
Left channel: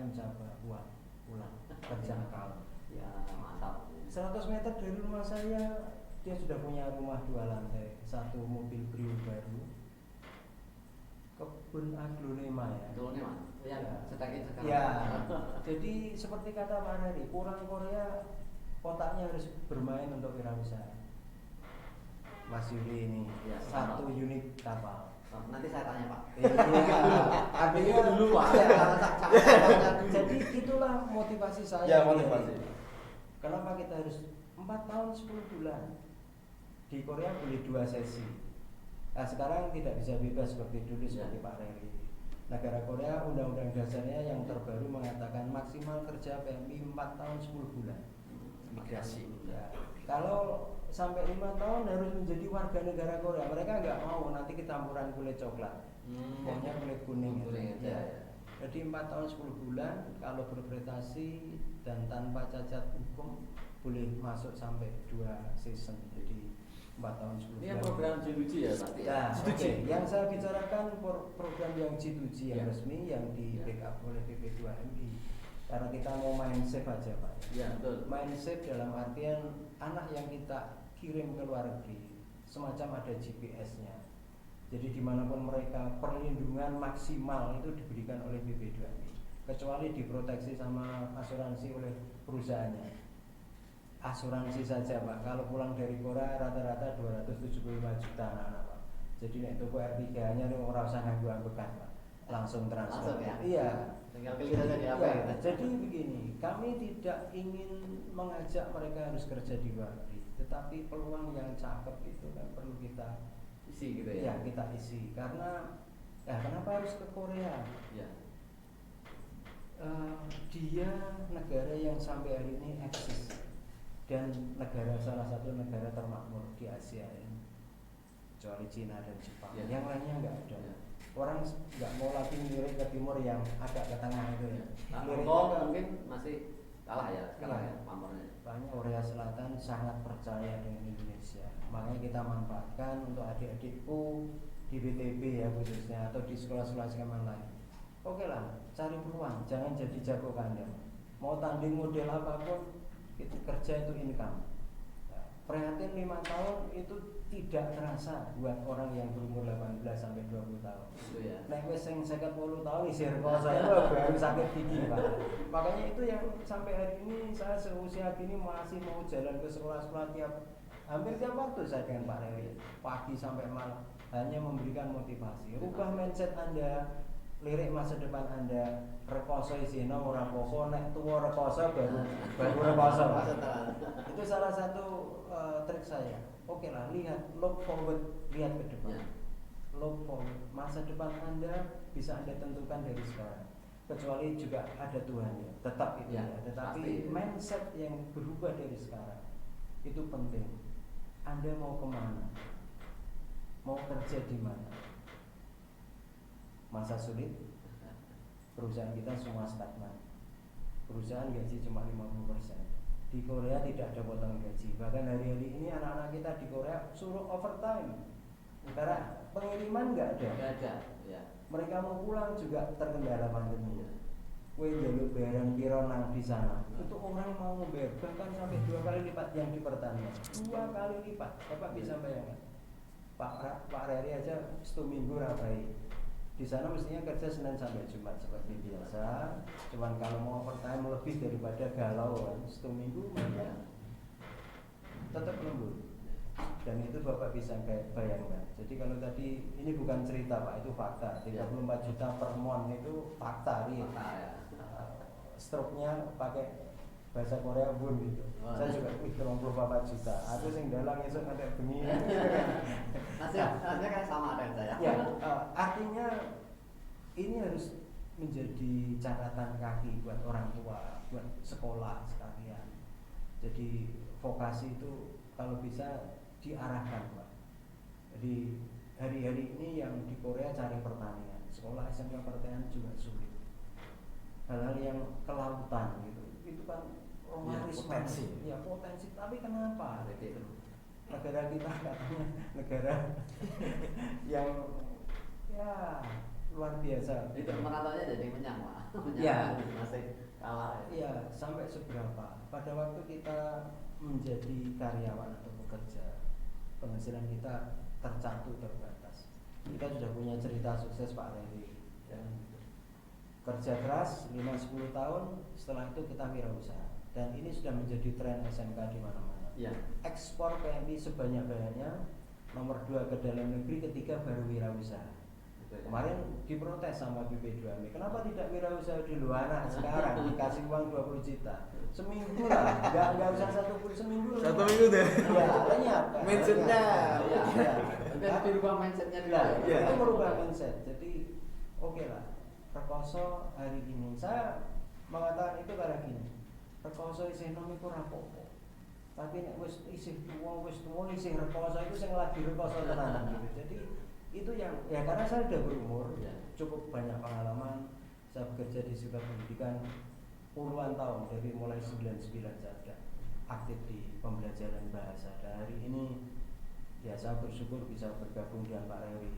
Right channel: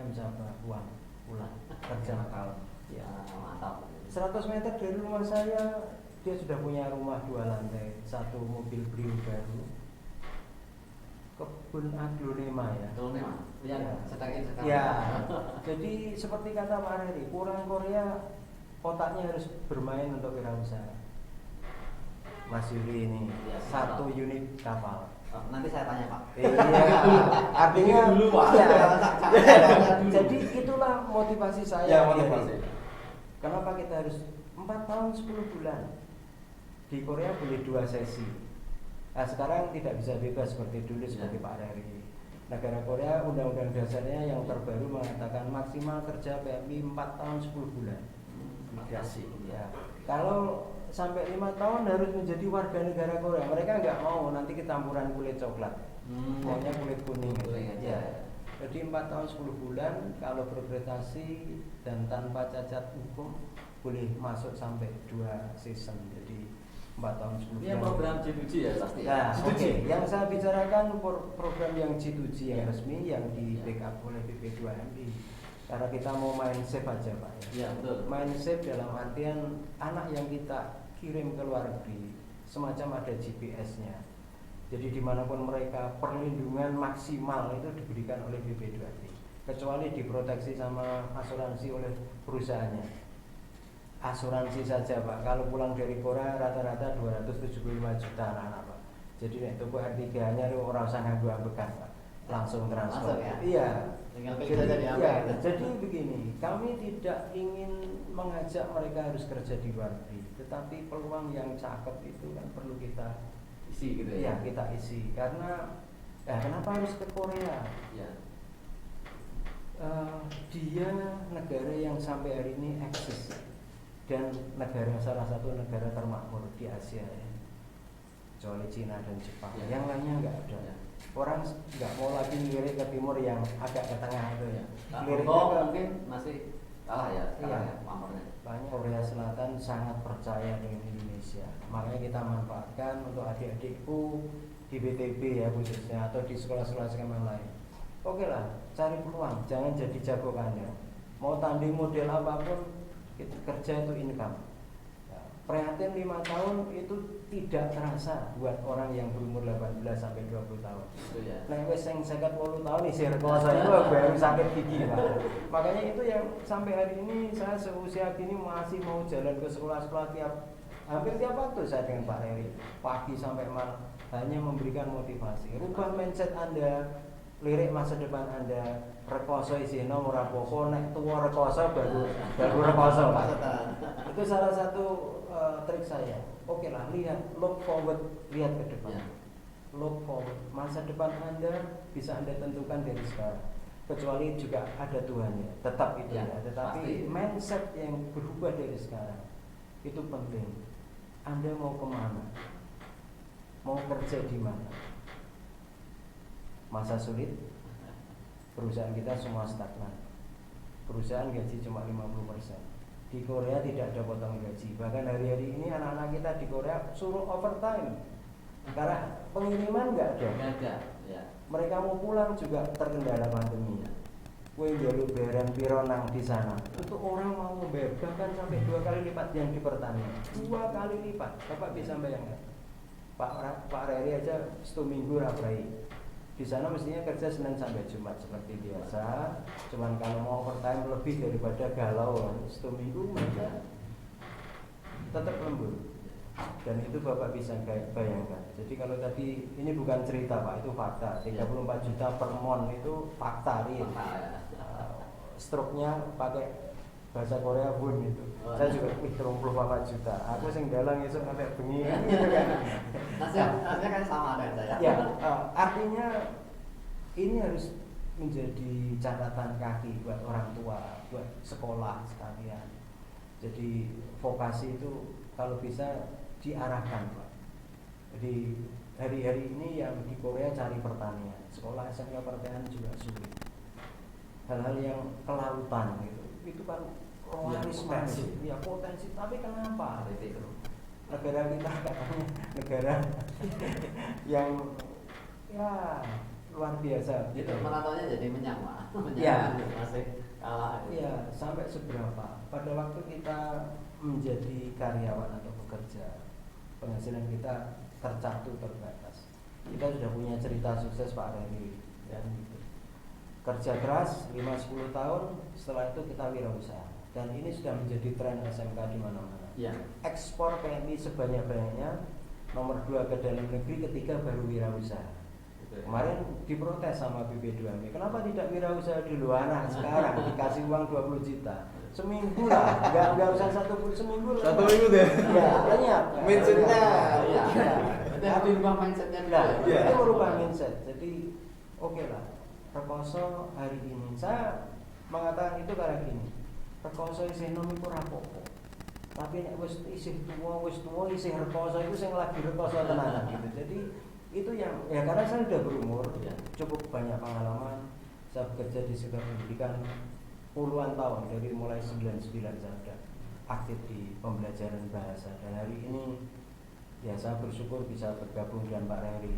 M sabar uang pulang kerja. Ya mantap. 100 meter dari rumah saya dia sudah punya rumah 2 lantai, 1 mobil Brio baru, kebun aglonema ya. Aglonema yang sedang sekarang. Ya. Jadi seperti kata Pak Reri, orang Korea otaknya harus bermain untuk wirausaha. Mas Yuli ini Ya, 1 unit kapal. Nanti saya tanya Pak. Iya, artinya Dulu, Pak. ya, jadi itulah motivasi saya. Ya, motivasi. Kenapa kita harus 4 tahun 10 bulan di Korea boleh 2 sesi. Nah, sekarang tidak bisa bebas seperti dulu seperti Pak Reri. Negara Korea undang-undang dasarnya yang terbaru mengatakan maksimal kerja PMI 4 tahun 10 bulan. Migrasi. Ya, kalau sampai 5 tahun harus menjadi warga negara Korea. Mereka nggak mau nanti ketampuran kulit coklat, maunya kulit kuning. Kuning aja. Ya. Jadi 4 tahun 10 bulan kalau berprestasi dan tanpa cacat hukum boleh masuk sampai 2 season. Jadi 4 tahun 10 bulan. Ini yang program G2G ya pasti. Ya, G2G. yang saya bicarakan program yang G2G yang resmi yang di backup oleh BP2MI. Karena kita mau main safe aja Pak. Iya betul. Main safe dalam artian anak yang kita kirim ke luar negeri semacam ada GPS-nya. Jadi dimanapun mereka perlindungan maksimal itu diberikan oleh BP2MI, kecuali diproteksi sama asuransi oleh perusahaannya. Asuransi saja Pak, kalau pulang dari Korea rata-rata 275 juta anak-anak Pak. Jadi nek tuku R3 nya lu ora usah nganggo bekas Pak, langsung transfer. Langsung ya? Iya. Tinggal pilih saja di apa. Ya, Ya. jadi begini, kami tidak ingin mengajak mereka harus kerja di luar negeri, tetapi peluang yang cakep itu kan perlu kita isi gitu ya ya. kita isi karena kenapa harus ke Korea? Ya. Dia negara yang sampai hari ini eksis dan salah satu negara termakmur di Asia ya. Kecuali Cina dan Jepang, Ya. yang lainnya nggak ada. Ya. Orang nggak mau lagi ngelirik ke timur yang agak ke tengah itu ya. Nah, Ngiriknya Hongkong ke- mungkin masih kalah ya sekarang Iya. ya pamornya. Makanya Korea Selatan sangat percaya dengan Indonesia. Makanya kita manfaatkan untuk adik-adikku di BTB ya khususnya atau di sekolah-sekolah yang lain. Oke lah, cari peluang, jangan jadi jago kandang. Mau tanding model apapun, kita kerja untuk income. Prihatin 5 tahun itu tidak terasa buat orang yang berumur 18 sampai 20 tahun. Itu ya. Nah, wes yang 50 tahun isi rekoso saya baru sakit gigi Pak. Makanya itu yang sampai hari ini saya seusia ini masih mau jalan ke sekolah-sekolah hampir tiap waktu saya dengan Pak Heri pagi sampai malam hanya memberikan motivasi. Rubah mindset Anda, lirik masa depan Anda. Rekoso isi nomor apa nek tuwa rekoso baru rekoso Pak. Itu salah satu trik saya. Oke lah, lihat, look forward, lihat ke depan. Ya. Look forward, masa depan Anda bisa Anda tentukan dari sekarang. Kecuali juga ada Tuhan ya, tetap itu Ya, ya. Tetapi pasti. mindset yang berubah dari sekarang itu penting. Anda mau kemana? Mau kerja di mana? Masa sulit, perusahaan kita semua stagnan. Perusahaan gaji cuma 50%. Di Korea tidak ada potong gaji. Bahkan hari-hari ini anak-anak kita di Korea suruh overtime karena pengiriman nggak ada. Nggak ada. Ya. Mereka mau pulang juga terkendala pandemi. Ya. Kue jalur bayaran pironang di sana. Itu orang mau membayar bahkan sampai 2 kali lipat yang di pertanian. 2 kali lipat. Bapak bisa bayangkan. Pak Reri aja 1 minggu rapai. Di sana mestinya kerja Senin sampai Jumat seperti biasa. Cuman kalau mau overtime lebih daripada galau kan, 1 minggu mereka tetap lembur. Dan itu Bapak bisa bayangkan. Jadi kalau tadi ini bukan cerita Pak, itu fakta. 34 juta per mon itu fakta real. Fakta, ya. Stroke-nya pakai bahasa Korea pun gitu. Oh, Saya ya. juga 34 juta. Aku sing dalang esuk sampai bengi kan gitu kan. Nasnya kan sama dengan saya. Ya, artinya ini harus menjadi catatan kaki buat orang tua, buat sekolah sekalian. Jadi vokasi itu kalau bisa diarahkan Pak. Jadi hari-hari ini yang di Korea cari pertanian, sekolah SMK pertanian juga sulit. Hal-hal yang kelautan gitu, itu kan romantis potensi. ya potensi. Tapi kenapa? Itu. Negara kita katanya negara yang ya luar biasa. Itu merantaunya jadi menyang, Ya. masih kalah. Ya, sampai seberapa? Pada waktu kita menjadi karyawan atau bekerja, penghasilan kita terbatas. Kita sudah punya cerita sukses Pak Reri, ya, gitu. Kerja keras 5-10 tahun, setelah itu kita wirausaha. Dan ini sudah menjadi tren SMK di mana-mana. Ya. Ekspor PNI sebanyak-banyaknya, nomor 2 ke dalam negeri, ketiga baru wirausaha. Kemarin diprotes sama BP2M, kenapa tidak wirausaha dulu? Anak sekarang dikasih uang 20 juta seminggu lah, nggak usah seminggu. Satu minggu deh. Ya, lenyap. Mindsetnya. Ya. Ya. Nanti dirubah mindsetnya dulu. Nah, Iya. itu merubah mindset. Jadi oke lah, rekoso hari ini saya mengatakan itu karena gini, rekoso isih nom iku ora apa-apa. Tapi nek wis tuwa isih rekoso itu sing lagi rekoso tenanan gitu. Jadi itu yang ya karena saya sudah berumur, cukup banyak pengalaman. Saya bekerja di sektor pendidikan puluhan tahun, dari mulai 99 saya sudah aktif di pembelajaran bahasa. Dan hari ini ya saya bersyukur bisa bergabung dengan Pak Reri.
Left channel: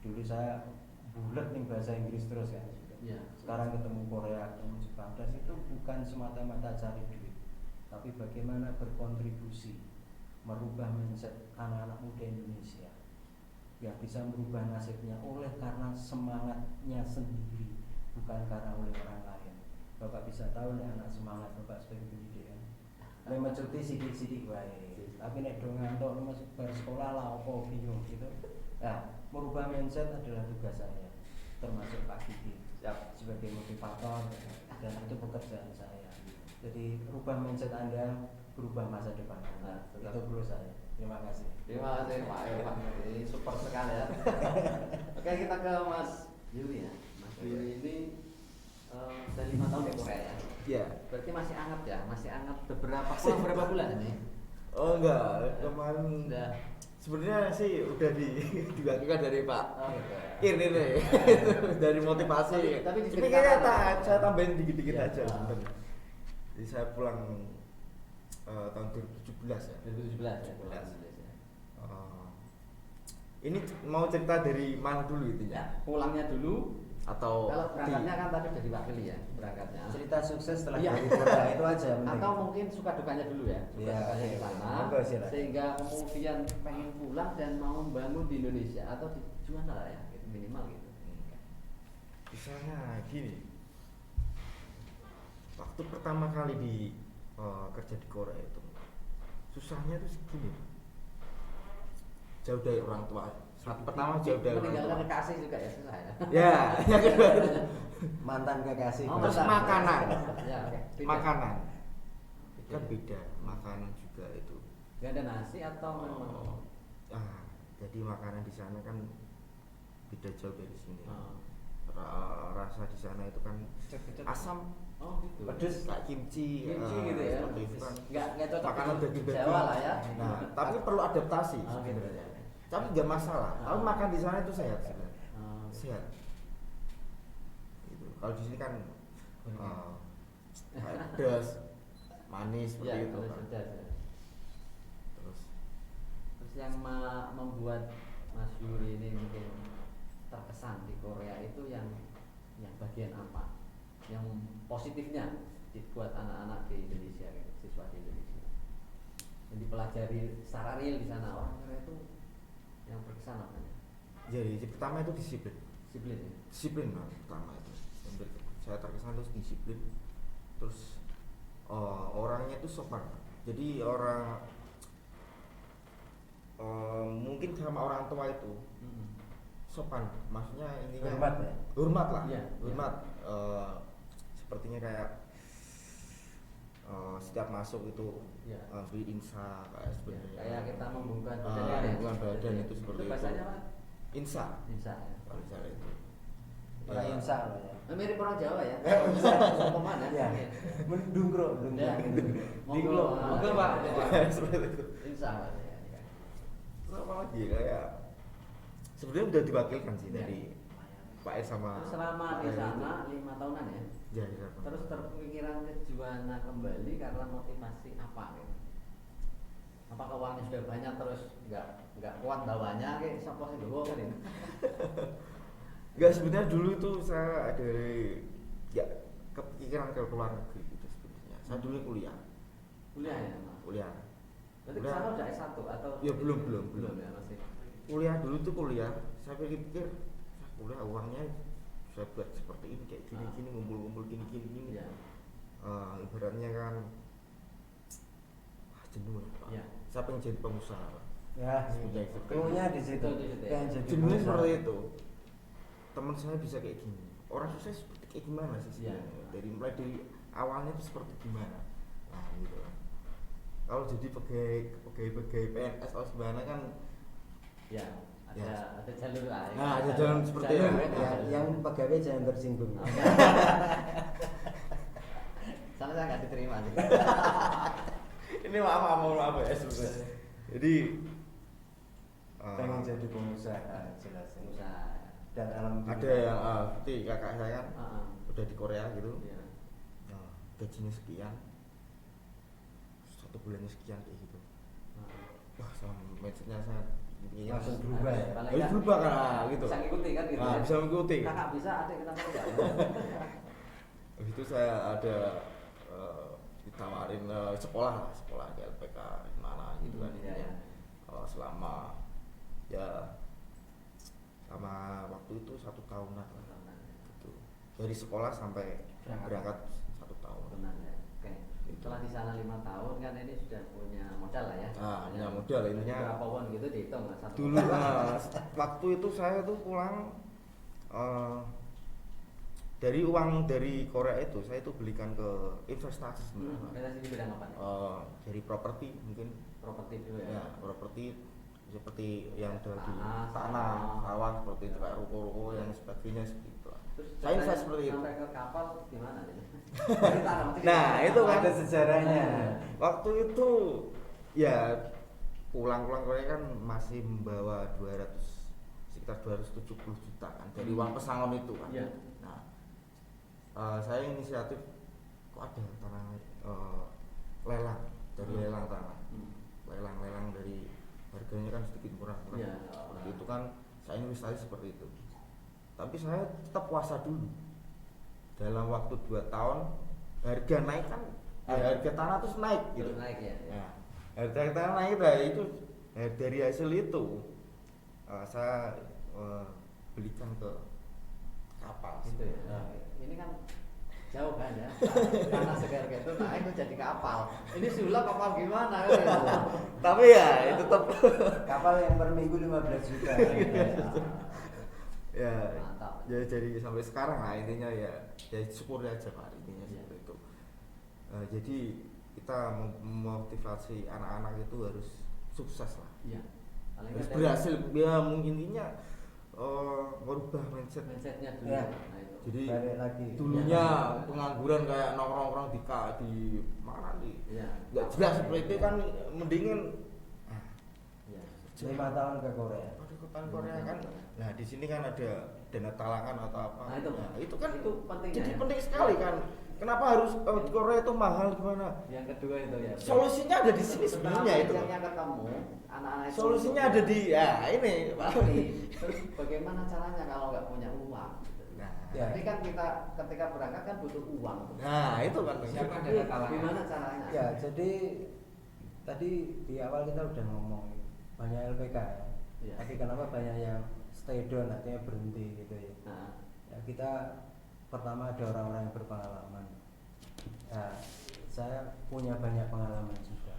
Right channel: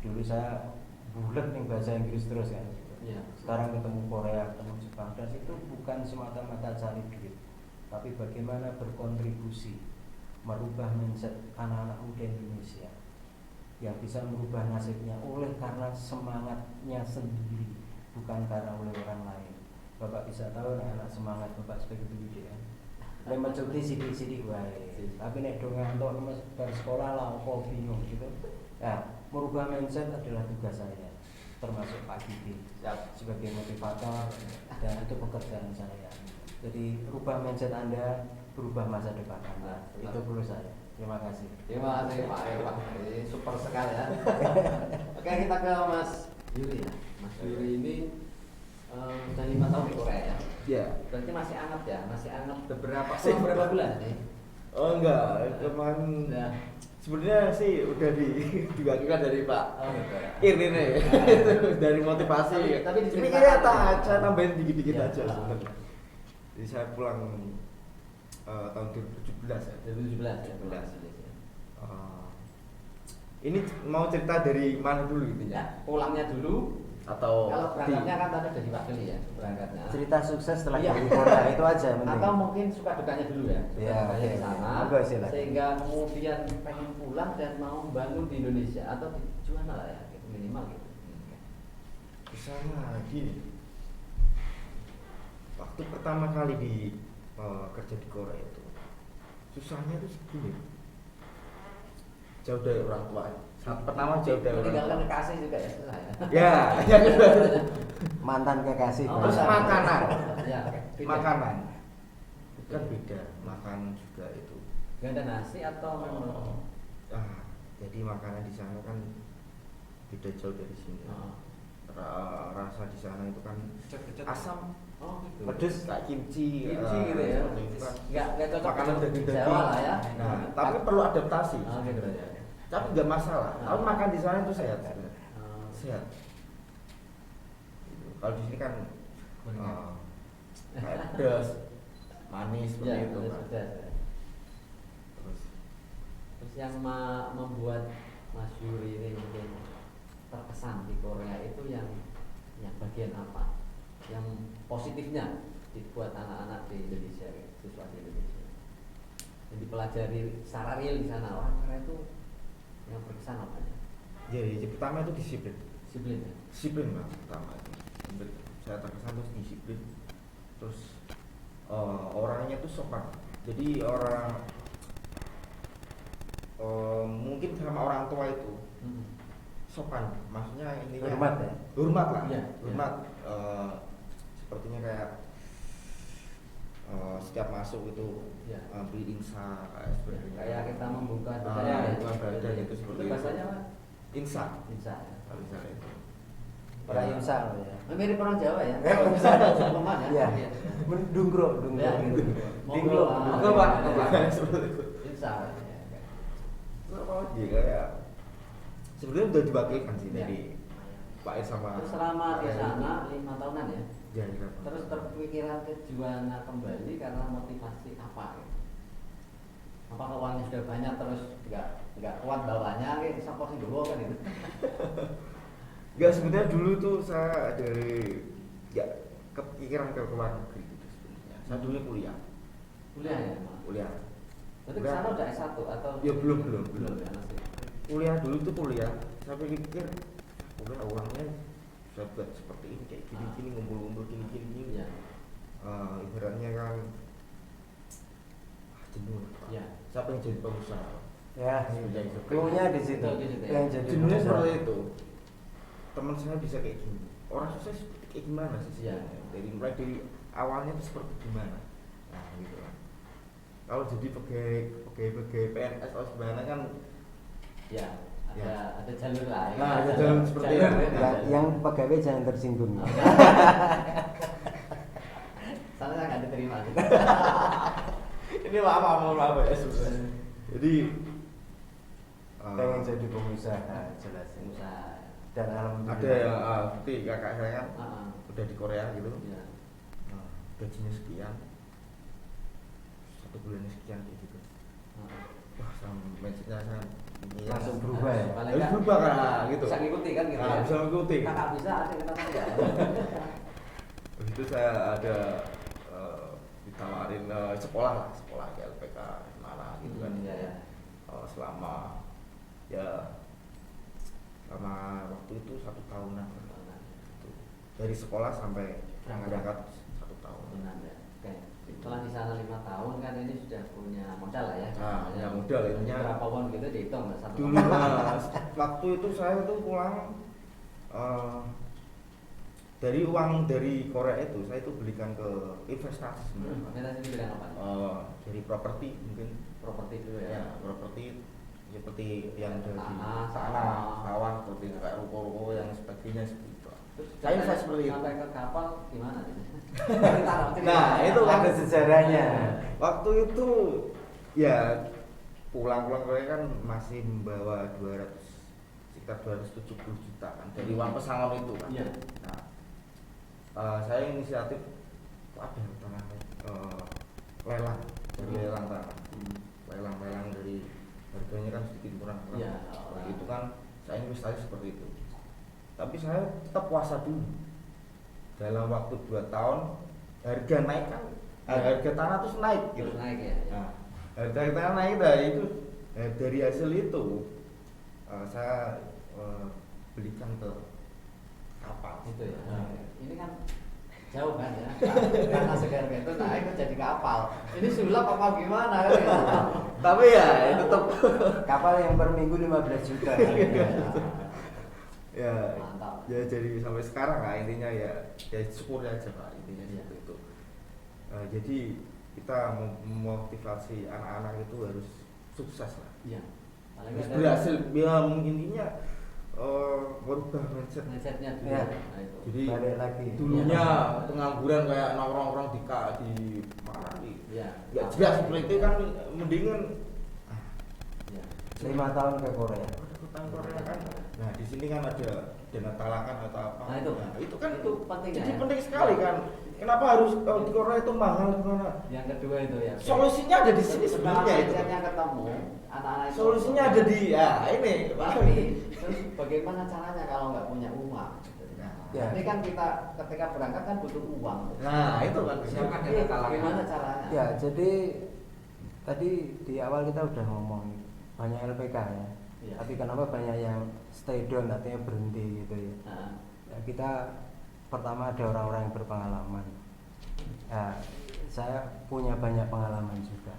Dulu saya bulat nih bahasa Inggris terus kan gitu. Ya. Sekarang ketemu Korea, ketemu Jepang, dan itu bukan semata-mata cari duit, tapi bagaimana berkontribusi merubah mindset anak-anak muda Indonesia yang bisa merubah nasibnya oleh karena semangatnya sendiri, bukan karena oleh orang lain. Bapak bisa tahu nih anak semangat Bapak sebagai pendidik kan. Nek mencuti sidik-sidik wae. Tapi nek do ngantuk bersekolah lah kok bingung gitu. Nah, merubah mindset adalah tugas saya, termasuk Pak Didi sebagai motivator dan itu pekerjaan saya. Jadi rubah mindset Anda, berubah masa depan Anda. Itu perlu saya. Terima kasih. Terima kasih Pak Irwan, ini super sekali ya. Oke, kita ke Mas Yuli ya. Mas Yuli ini sudah 5 tahun di Korea ya. Iya. Berarti masih anget ya, masih anget berapa bulan nih? Oh enggak, kemarin Sudah. sebenarnya sih udah dibagikan dari Pak Oh gitu ya. Irin ya. Dari motivasi. Tapi Tapi kayaknya diceritakan. saya tambahin dikit-dikit Ya, aja ya. sebenarnya. Jadi saya pulang tahun 2017 ya. 2017 ya. 17. Ini mau cerita dari mana dulu itu Ya, ya? pulangnya dulu. Atau Kalau berangkatnya kan tadi udah diwakili ya berangkatnya. Cerita sukses setelah Iya. jadi Korea itu aja. mending. Atau mungkin suka dukanya dulu ya. Suka Iya, dukanya iya. di sana. Monggo, silakan. Sehingga kemudian pengen pulang dan mau bangun di Indonesia atau di mana lah ya, gitu, minimal gitu. Misalnya gini. Waktu pertama kali di kerja di Korea itu susahnya tuh segini. Jauh dari orang tua. Saat pertama jauh dari orang tua. Meninggalkan kekasih juga ya susah ya. Ya, ya Mantan kekasih. Oh, Terus benar. makanan. Ya, beda. Makanan kan beda, makan juga itu. Nggak ada nasi atau Jadi makanan di sana kan beda jauh dari sini. Oh. Rasa di sana itu kan asam, Oh, gitu. pedes kayak kimchi, Kimchi gitu ya. seperti itu kan. Nggak cocok Makanan untuk daging-daging. Jawa lah ya. Nah, tapi perlu adaptasi Oh, gitu sebenarnya. ya. Tapi nggak masalah. Ah. Kalau makan di sana itu sehat sebenarnya. Oh, Sehat. Gitu. Kalau di sini kan Kuningan. kayak pedas, manis seperti Ya, itu pedas, kan. pedas, ya. Terus Terus yang membuat Mas Yuri ini mungkin terkesan di Korea itu yang bagian apa? Yang positifnya dibuat anak-anak di Indonesia, siswa di Indonesia. Yang dipelajari secara real di sana orang Korea itu yang berkesan apa ya? jadi pertama itu disiplin. Disiplin ya. Disiplin lah pertama itu. Saya terkesan terus disiplin. Terus orangnya itu sopan. Jadi orang mungkin sama orang tua itu sopan, maksudnya intinya Hormat ya? hormat lah, Iya, hormat. Sepertinya kayak setiap masuk itu Ya. beli insa kayak seperti Kayak kita membuka bukan badan itu seperti itu. bahasanya apa? Insa, Insa ya. insa itu. Orang Ya. insang. Nah, mirip orang Jawa ya. Eh, Insa. Teman Iya. ya. Dungkro, Ya. Dungkro. Monggo, Pak. Seperti itu. Insa. Ya. Apa aja kayak sebenarnya udah diwakilkan sih Ya. dari Pak Ir sama Terus selama di Pak Ir sana 5 tahunan ya. itu. Ya, iya. Terus terpikiran ke Juwana kembali karena motivasi apa? Apakah uangnya sudah banyak terus nggak kuat bawahnya? Kayak siapa sih dulu kan itu? Enggak, sebenarnya dulu tuh saya dari nggak kepikiran ke luar negeri gitu sebenarnya. Saya dulunya kuliah. Kuliah ya, Mas? Kuliah. Berarti ke sana udah S1 atau? Ya belum belum belum. ya masih. Kuliah dulu tuh kuliah. Saya pikir kuliah uangnya bisa buat seperti ini kayak gini-gini ngumpul-ngumpul gini-gini. Ya. Ibaratnya kan jenuh. Ya. Saya pengen jadi pengusaha. Ya, Sebenarnya itu. clue-nya di situ. Clue di situ ya. Pengen jadi Jenuhnya pengusaha. seperti itu. Teman saya bisa kayak gini. Orang sukses kayak gimana sih Iya. sebenarnya? Dari mulai dari awalnya itu seperti gimana? Nah, gitu kan. Kalau jadi pegawai PNS atau gimana kan Ya. Ada Ya. ada jalur lah. Ya. Nah, ada jalur seperti jalur ya. ya. Yang pegawai jangan tersinggung. Oh, ya. Sana saya nggak diterima. ini maaf ya sebenarnya. Jadi Pengen jadi pengusaha, jelasin. Usaha. Dan alhamdulillah. ada yang seperti kakak saya kan Ah, udah di Korea gitu. ya. Nah, gajinya sekian, 1 bulannya sekian kayak gitu. Ah. Wah, sama mindsetnya saya Langsung berubah ya? Paling Harus kan berubah kan, gitu. Bisa ngikuti kan gitu. Nah, ya. bisa ngikuti. Kakak bisa, adik kita tidak. Habis itu saya ada ditawarin sekolah di LPK mana gitu kan. Iya, ya. Selama waktu itu 1 tahunan gitu. Dari sekolah sampai berangkat 1 tahun. Benar, ya. Oke. Setelah di sana 5 tahun kan ini sudah punya modal lah ya. Nah, punya modal, intinya. Berapa pun gitu dihitung nggak satu. Dulu waktu itu saya tuh pulang dari uang dari Korea itu saya itu belikan ke investasi sebenarnya. Investasi di bidang apa? Dari properti mungkin properti dulu ya ya. properti seperti yang ada di Tanah, tanah, sawah. sawah, seperti itu, kayak ruko-ruko yang sebagainya seperti itu. Terus Saya seperti itu. sampai ke kapal gimana sih? Nah, itu kan ada sejarahnya. waktu itu ya pulang-pulang Korea kan masih membawa sekitar 270 juta kan dari uang pesangon itu kan. Iya. Nah, saya inisiatif apa ya tanah lelang dari lelang tanah, lelang dari harganya kan sedikit murah-murah. Iya. Nah, itu kan saya investasi seperti itu. Tapi saya tetap puasa dulu. Dalam waktu 2 tahun harga naik kan, harga tanah terus naik gitu. Terus naik ya. Nah, harga tanah naik itu dari hasil itu saya belikan ke kapal. Gitu ya. Ini kan jauh kan ya. Karena segar itu nah itu jadi kapal. Ini sulap kapal gimana ya? Tapi ya itu tetap Kapal yang per minggu 15 juta. ya Mantap. ya jadi sampai sekarang lah intinya ya syukur aja Pak intinya seperti itu. Jadi kita memotivasi anak-anak itu harus sukses lah, Iya. harus berhasil ya intinya merubah Mindsetnya dulu. Ya. Nah itu. jadi Balik lagi. dulunya pengangguran kayak nongkrong di mana nih Iya. nggak jelas seperti itu kan mendingan Iya. 5 tahun ke Korea. ikutan Korea kan. Nah di sini kan ada dana talangan atau apa. Nah, itu kan itu penting jadi ya. penting sekali kan. Kenapa harus kalau di Korea itu mahal gimana? Yang kedua itu ya. Solusinya ada di sini sebenarnya itu. Mindsetnya ketemu, anak-anak itu. Solusinya ada di ya ini. Tapi terus bagaimana caranya kalau nggak punya uang? Nah, Ya. Ini kan kita ketika berangkat kan butuh uang. nah itu kan. Siapa Itu dana talangan? Bagaimana caranya? Ya, jadi tadi di awal kita udah ngomong banyak LPK ya. Iya. Tapi kenapa banyak yang stay down artinya berhenti gitu ya. Nah, Ya, kita pertama ada orang-orang yang berpengalaman. Nah, saya punya banyak pengalaman juga.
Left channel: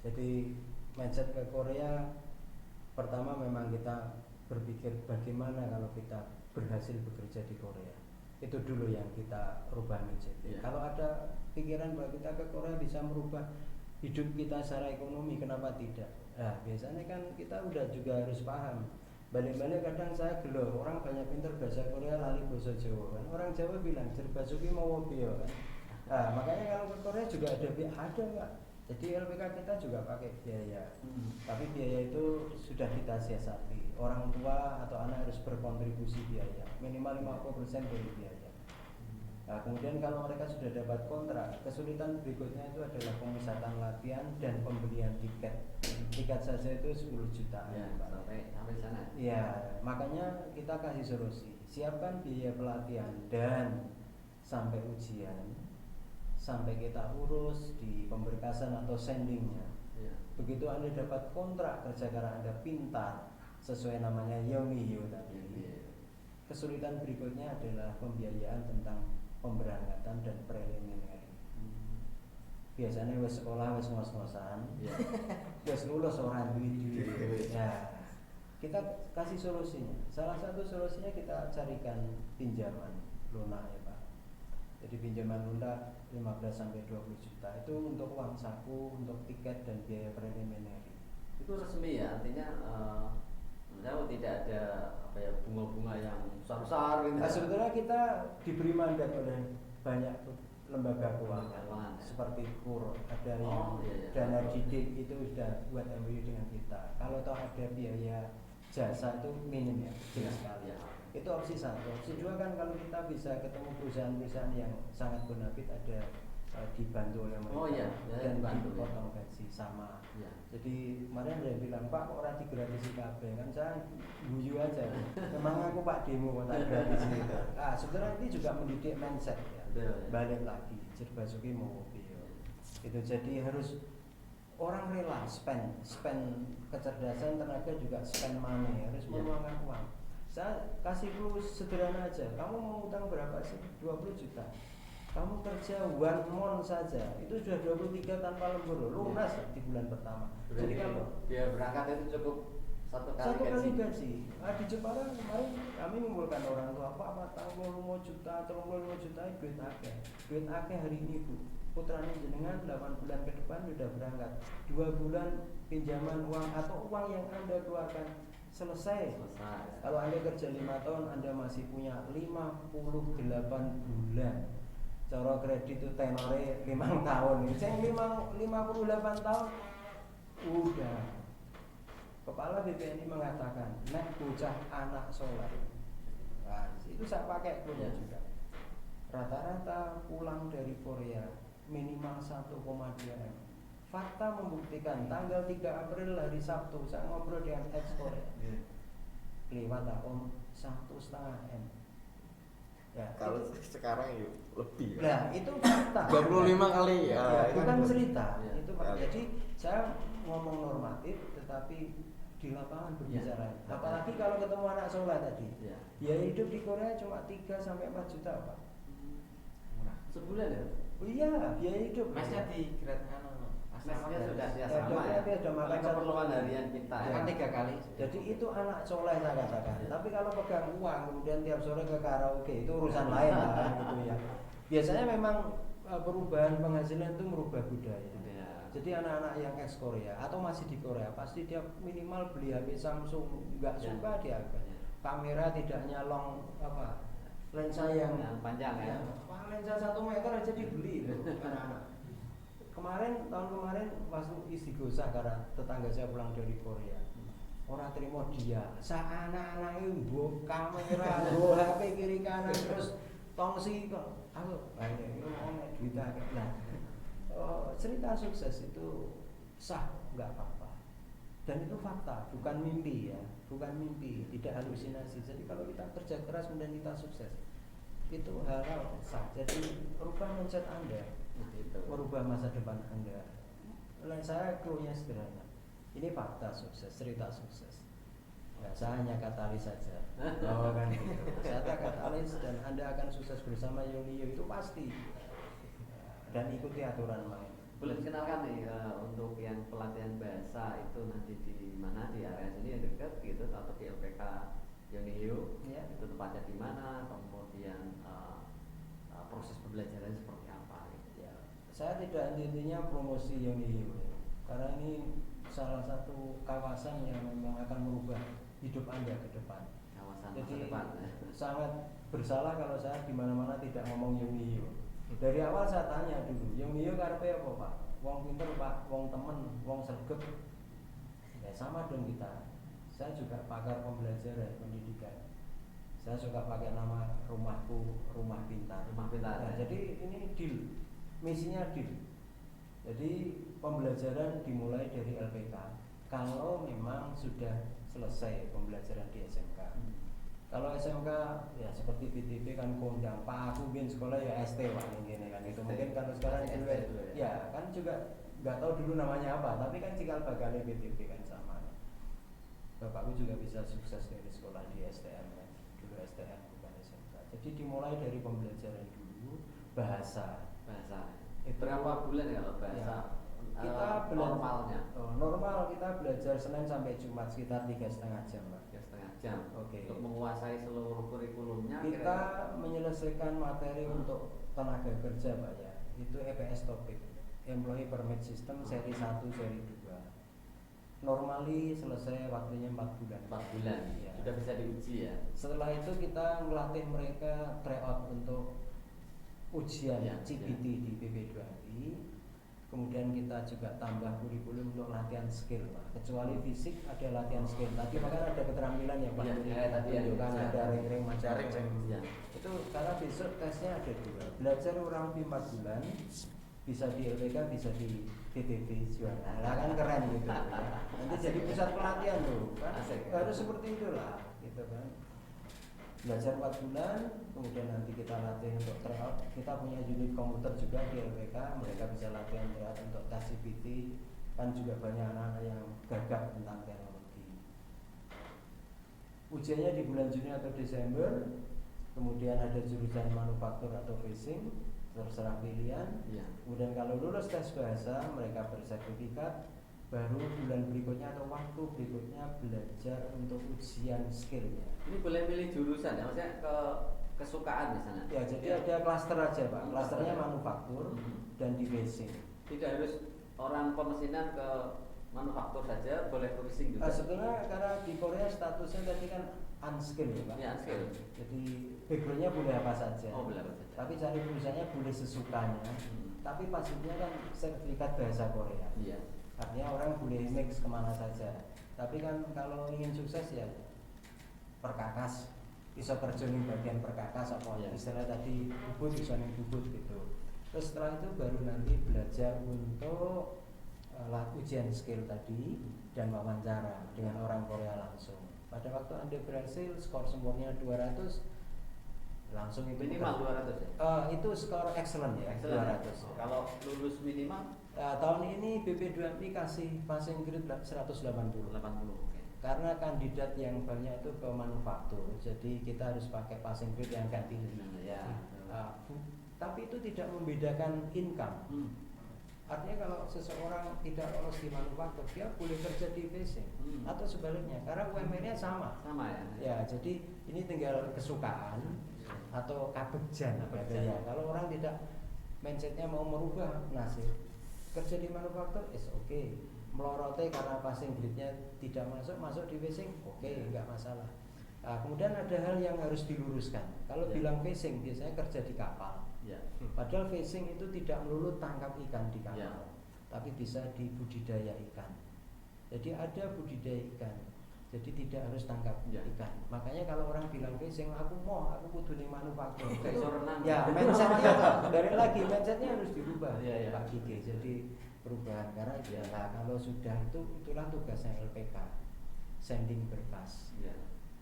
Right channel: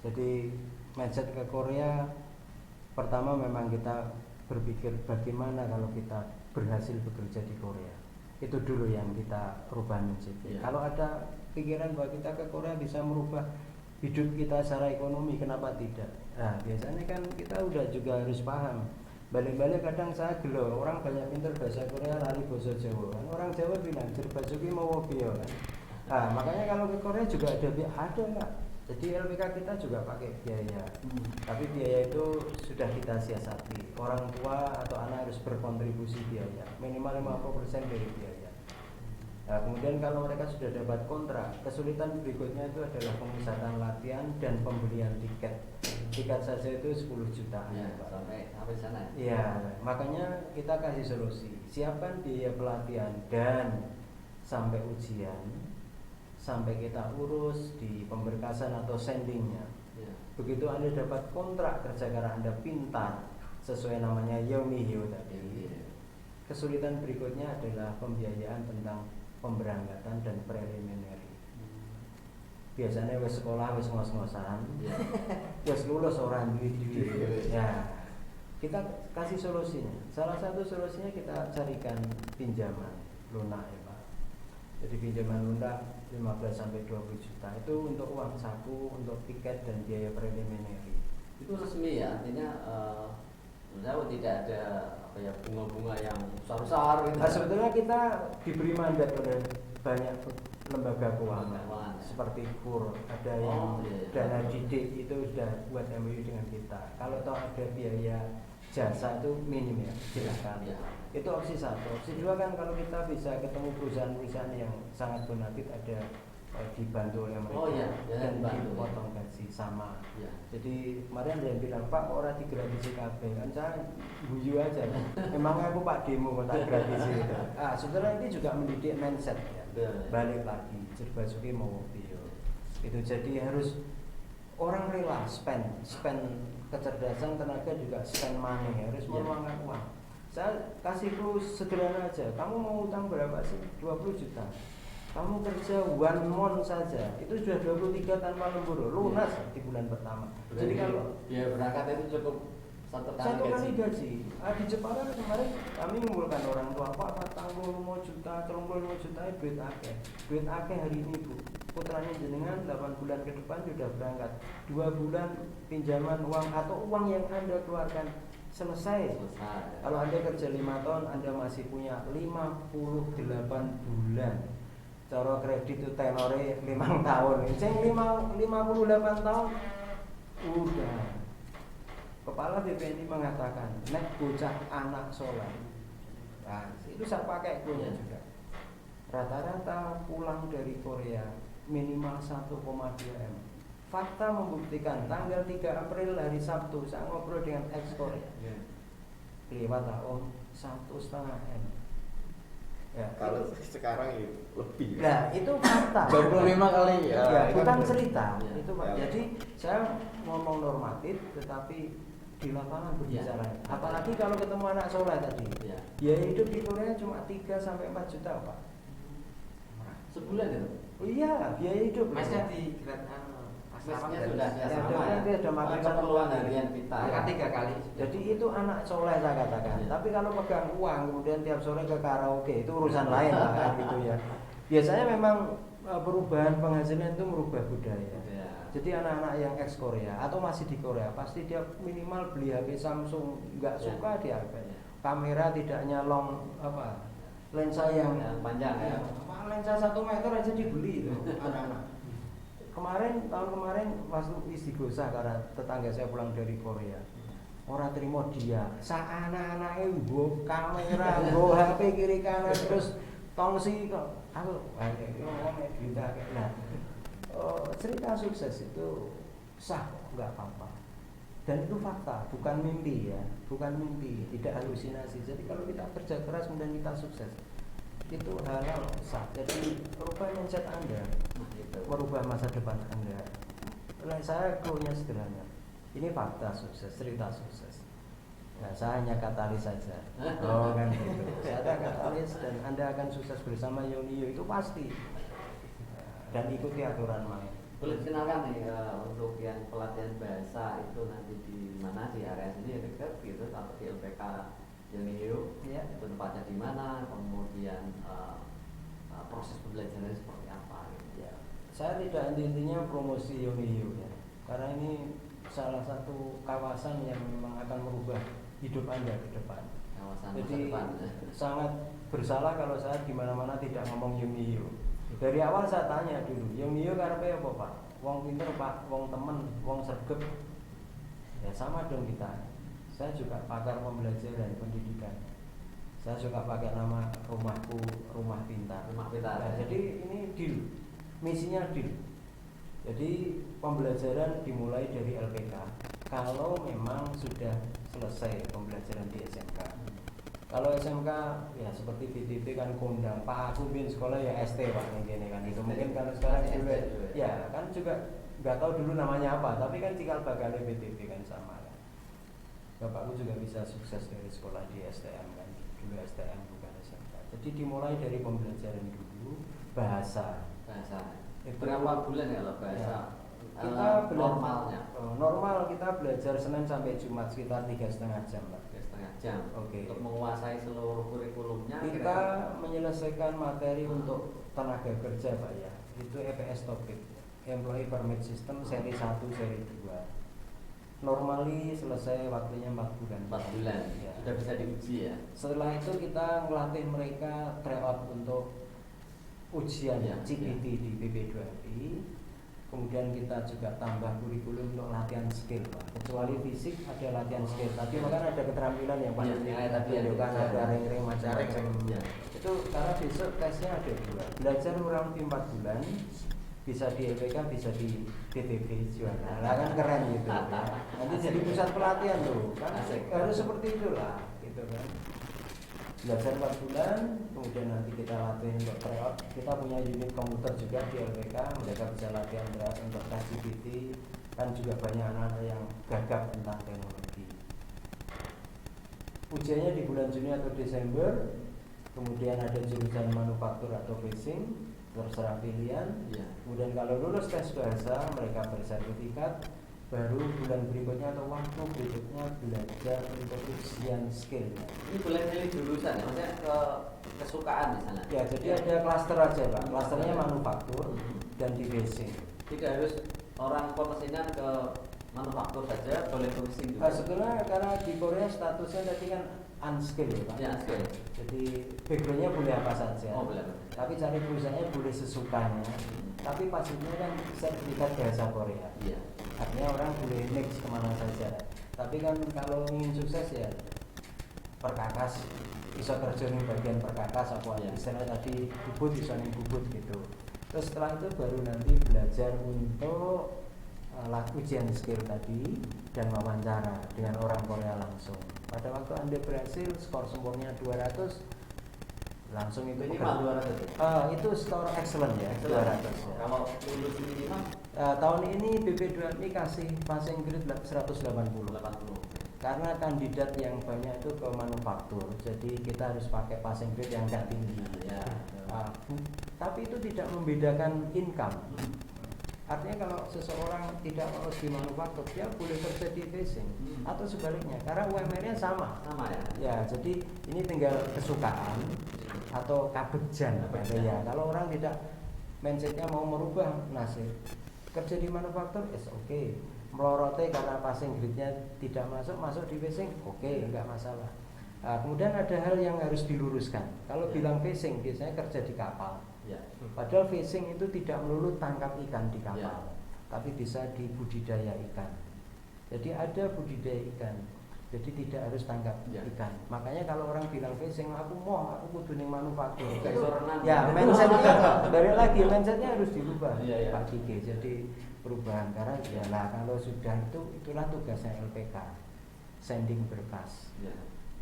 Jadi mindset ke Korea pertama memang kita berpikir bagaimana kalau kita berhasil bekerja di Korea. Itu dulu yang kita rubah mindset. Iya. Kalau ada pikiran bahwa kita ke Korea bisa merubah hidup kita secara ekonomi, kenapa tidak? Nah, biasanya kan kita udah juga harus paham. Balik-balik kadang saya gelo, orang banyak pintar bahasa Korea lari bahasa Jawa kan. Orang Jawa bilang berbasuki mau bio kan. Nah, makanya kalau ke Korea juga ada enggak. Jadi LPK kita juga pakai biaya. Tapi biaya itu sudah kita siasati. Orang tua atau anak harus berkontribusi biaya minimal 50% dari biaya. Nah, kemudian kalau mereka sudah dapat kontrak, kesulitan berikutnya itu adalah pemusatan latihan dan pembelian tiket. Tiket saja itu 10 juta ya, Pak. sampai sana. Ya, makanya kita kasih solusi. Siapkan biaya pelatihan dan sampai ujian, sampai kita urus di pemberkasan atau sendingnya. Ya. Begitu Anda dapat kontrak kerja karena Anda pintar, sesuai namanya Yongihyo tadi. Iya. Kesulitan berikutnya adalah pembiayaan tentang pemberangkatan dan preliminary. Biasanya wes sekolah wes ngos-ngosan, Ya. wes lulus orang duit-duit. Duit. Ya, kita kasih solusinya. Salah satu solusinya kita carikan pinjaman lunak ya Pak. Jadi pinjaman lunak 15 sampai 20 juta itu untuk uang saku, untuk tiket dan biaya preliminary. Itu resmi ya, artinya menurut tidak ada apa ya bunga-bunga yang besar-besar gitu. Nah, sebetulnya kita diberi mandat oleh banyak lembaga keuangan Keuangan, ya. seperti KUR, ada Oh, yang iya, iya. dana didik itu sudah buat MOU dengan kita. Kalau toh ada biaya jasa itu minim ya, silakan. Ya. Itu opsi satu. Opsi dua kan kalau kita bisa ketemu perusahaan-perusahaan yang sangat bonafit ada dibantu oleh mereka Oh, iya, ya, dan dibantu, dipotong gaji sama. Ya. Jadi kemarin ada yang bilang Pak orang digratisi kabeh kan saya guyu aja. Memang aku Pak demo kok tak gratisi. Ah, saudara ini juga mendidik mindset ya. Ya. Balik lagi Basuki mau video. Itu jadi harus orang rela spend kecerdasan tenaga juga spend money harus Ya. meluangkan uang. Saya kasih clue sederhana aja. Kamu mau utang berapa sih? 20 juta. Kamu kerja 1 month saja itu sudah 23 tanpa lembur lunas di bulan pertama. Jadi kalau ya berangkat itu cukup satu kali kali gaji. Di Jepara kemarin kami mengumpulkan orang tua Pak 45 juta, 35 juta duit akeh hari ini Bu. putranya jenengan 8 bulan ke depan sudah berangkat, 2 bulan pinjaman uang atau uang yang Anda keluarkan selesai. Kalau Anda kerja 5 tahun, Anda masih punya 58 bulan. Cara kredit itu tenore 5 tahun. Sing 58 tahun udah. Kepala BPNI mengatakan, nek bocah anak sholat. Nah, itu saya pakai punya juga. Rata-rata pulang dari Korea minimal 1,2 M. Fakta membuktikan tanggal 3 April hari Sabtu saya ngobrol dengan ex Korea. Lewat tahun 1,5 M. Ya, Kalau sekarang ya lebih. Nah, itu fakta. 25 kali ya. Ya, itu bukan kan cerita. Ya. Itu Ya. jadi saya ngomong normatif tetapi di lapangan berbicara. Ya. Apalagi kalau ketemu anak soleh tadi. Ya. Biaya hidup di Korea cuma 3 sampai 4 juta, Pak. Sebulan ya? Oh iya, biaya hidup. Mesnya di asrama Mesnya gratis. sudah Ya, sama ya. dia sudah makan keperluan harian kita ya. Makan 3 kali. Jadi itu anak soleh saya katakan. Ya. Tapi kalau pegang uang kemudian tiap sore ke karaoke itu urusan lain lah gitu ya. Biasanya memang perubahan penghasilan itu merubah budaya. Ya. Jadi anak-anak yang ex Korea atau masih di Korea pasti dia minimal beli HP Samsung, nggak Ya. suka dia HP. Ya. Kamera tidak nyalong lensa yang panjang ya. Wah, lensa 1 meter aja dibeli itu anak-anak. Tahun kemarin pas istighosah karena tetangga saya pulang dari Korea. Orang terima dia, sa anak-anaknya nggo kamera, nggo HP kiri kanan terus tongsi kok. Aku ngomong duit akeh. Nah, cerita sukses itu sah, nggak apa-apa. Dan itu fakta, bukan mimpi ya, bukan mimpi, tidak halusinasi. Jadi kalau kita kerja keras kemudian kita sukses, itu hal sah. Jadi merubah mindset Anda, merubah masa depan Anda. Dan saya keluhnya sederhana. Ini fakta sukses, cerita sukses. Ya, saya hanya katalis saja. Oh kan gitu. Saya ada katalis dan Anda akan sukses bersama Yonio itu pasti. Dan ikuti aturan main. Boleh kenalkan nih untuk yang pelatihan bahasa itu nanti di mana, di area sini dekat gitu, kalau di LPK Yonio Ya. itu tempatnya di mana, kemudian proses pembelajarannya seperti apa gitu. Ya. Saya tidak intinya promosi Yonio ya. Karena ini salah satu kawasan yang memang akan merubah hidup Anda ke depan. Kawasan masa Jadi depan. sangat bersalah kalau saya di mana-mana tidak ngomong Yonio. Dari awal saya tanya dulu, Yonio karepe apa, Pak? Wong pinter, Pak, wong temen, wong sregep. Ya sama dong kita. Saya juga pakar pembelajaran pendidikan. Saya juga pakai nama rumahku, rumah pintar. Rumah pintar. Nah, jadi ini deal, misinya deal. Jadi pembelajaran dimulai dari LPK. Kalau memang sudah selesai pembelajaran di SMK. Kalau SMK ya seperti BTP kan kondang, Pak aku bin sekolah ya ST Pak ini kan itu mungkin kalau sekarang juga ya kan juga nggak tahu dulu namanya apa, tapi kan cikal bakalnya BTP kan sama kan. Bapakku juga bisa sukses dari sekolah di STM kan, dulu STM bukan SMK. Jadi dimulai dari pembelajaran dulu bahasa. Berapa bulan ya kalau bahasa? Ya. Kita Normalnya normal kita belajar Senin sampai Jumat sekitar 3,5 jam Pak. 3,5 jam. Oke. Untuk menguasai seluruh kurikulumnya Kita menyelesaikan materi untuk tenaga kerja Pak ya. Itu EPS topik, Employee Permit System seri 1, seri 2. Normally selesai waktunya 4 bulan. 4 bulan Ya. sudah bisa diuji ya. Setelah itu kita melatih mereka tryout untuk ujian Ya, CPT di PP2MI. Kemudian kita juga tambah kurikulum untuk latihan skill Pak. Kecuali fisik ada latihan skill. Tadi bahkan ada keterampilan yang Iya, ya, tadi yang tunjukkan bisa. ada ring-ring macam-macam. Ya. Itu karena besok tesnya ada 2. Belajar kurang lebih 4 bulan. Bisa di LPK, bisa di PTV juga. Nah, kan keren gitu ya. Nanti jadi pusat pelatihan tuh kan. Asik. Harus seperti itulah gitu kan. Belajar 4 bulan, kemudian nanti kita latih untuk tryout. Kita punya unit komputer juga di LPK, mereka bisa latihan berat untuk tes GPT. Kan juga banyak anak-anak yang gagap tentang teknologi. Ujiannya di bulan Juni atau Desember. Kemudian ada jurusan manufaktur atau facing, terserah pilihan. Ya. Kemudian kalau lulus tes bahasa, mereka bersertifikat. Baru bulan berikutnya atau waktu berikutnya belajar untuk ujian skill. Ini boleh milih jurusan ya, maksudnya ke kesukaan misalnya. Ya, jadi ada klaster aja Pak. Klasternya manufaktur dan divisi. Tidak harus orang pemesinan ke manufaktur saja, boleh fungsi juga. Sebenarnya karena di Korea statusnya tadi kan unskilled ya Pak. Ya, skill. Jadi backgroundnya boleh apa saja. Oh, boleh. Tapi cari perusahaannya boleh sesukanya. Tapi pastinya kan sertifikat bahasa Korea. Iya. Artinya orang boleh indeks kemana saja. Tapi kan kalau ingin sukses ya perkakas, bisa terjun di bagian perkakas apa ya istilah tadi bubut bisa nih bubut gitu. Terus setelah itu baru nanti belajar untuk ujian skill tadi dan wawancara dengan orang Korea langsung. Pada waktu Anda berhasil skor sempurnya 200 langsung itu Minimal 200. itu skor excellent ya, 200 ya. Kalau lulus minimal Tahun ini BP2MI kasih passing grade 180 karena kandidat yang banyak itu ke manufaktur, jadi kita harus pakai passing grade yang agak tinggi ya. Tapi itu tidak membedakan income. Artinya kalau seseorang tidak lolos di manufaktur, dia boleh kerja di facing atau sebaliknya, karena UMR-nya sama ya. Ya, jadi ini tinggal kesukaan atau kabegjan ya. Kalau orang tidak mindsetnya mau merubah nasib kerja di manufaktur is okay, melorote karena passing grade-nya tidak masuk di facing enggak masalah. Kemudian ada hal yang harus diluruskan. Kalau bilang facing biasanya kerja di kapal. Padahal facing itu tidak melulu tangkap ikan di kapal, tapi bisa di budidaya ikan. Jadi ada budidaya ikan. Jadi tidak harus tangkap ikan. Makanya kalau orang bilang facing, aku kudu ning manufaktur. Ya, mindsetnya balik lagi, mindsetnya harus dirubah Pak Kiki. Jadi perubahan karena adalah kalau sudah itulah tugasnya LPK, sending berkas.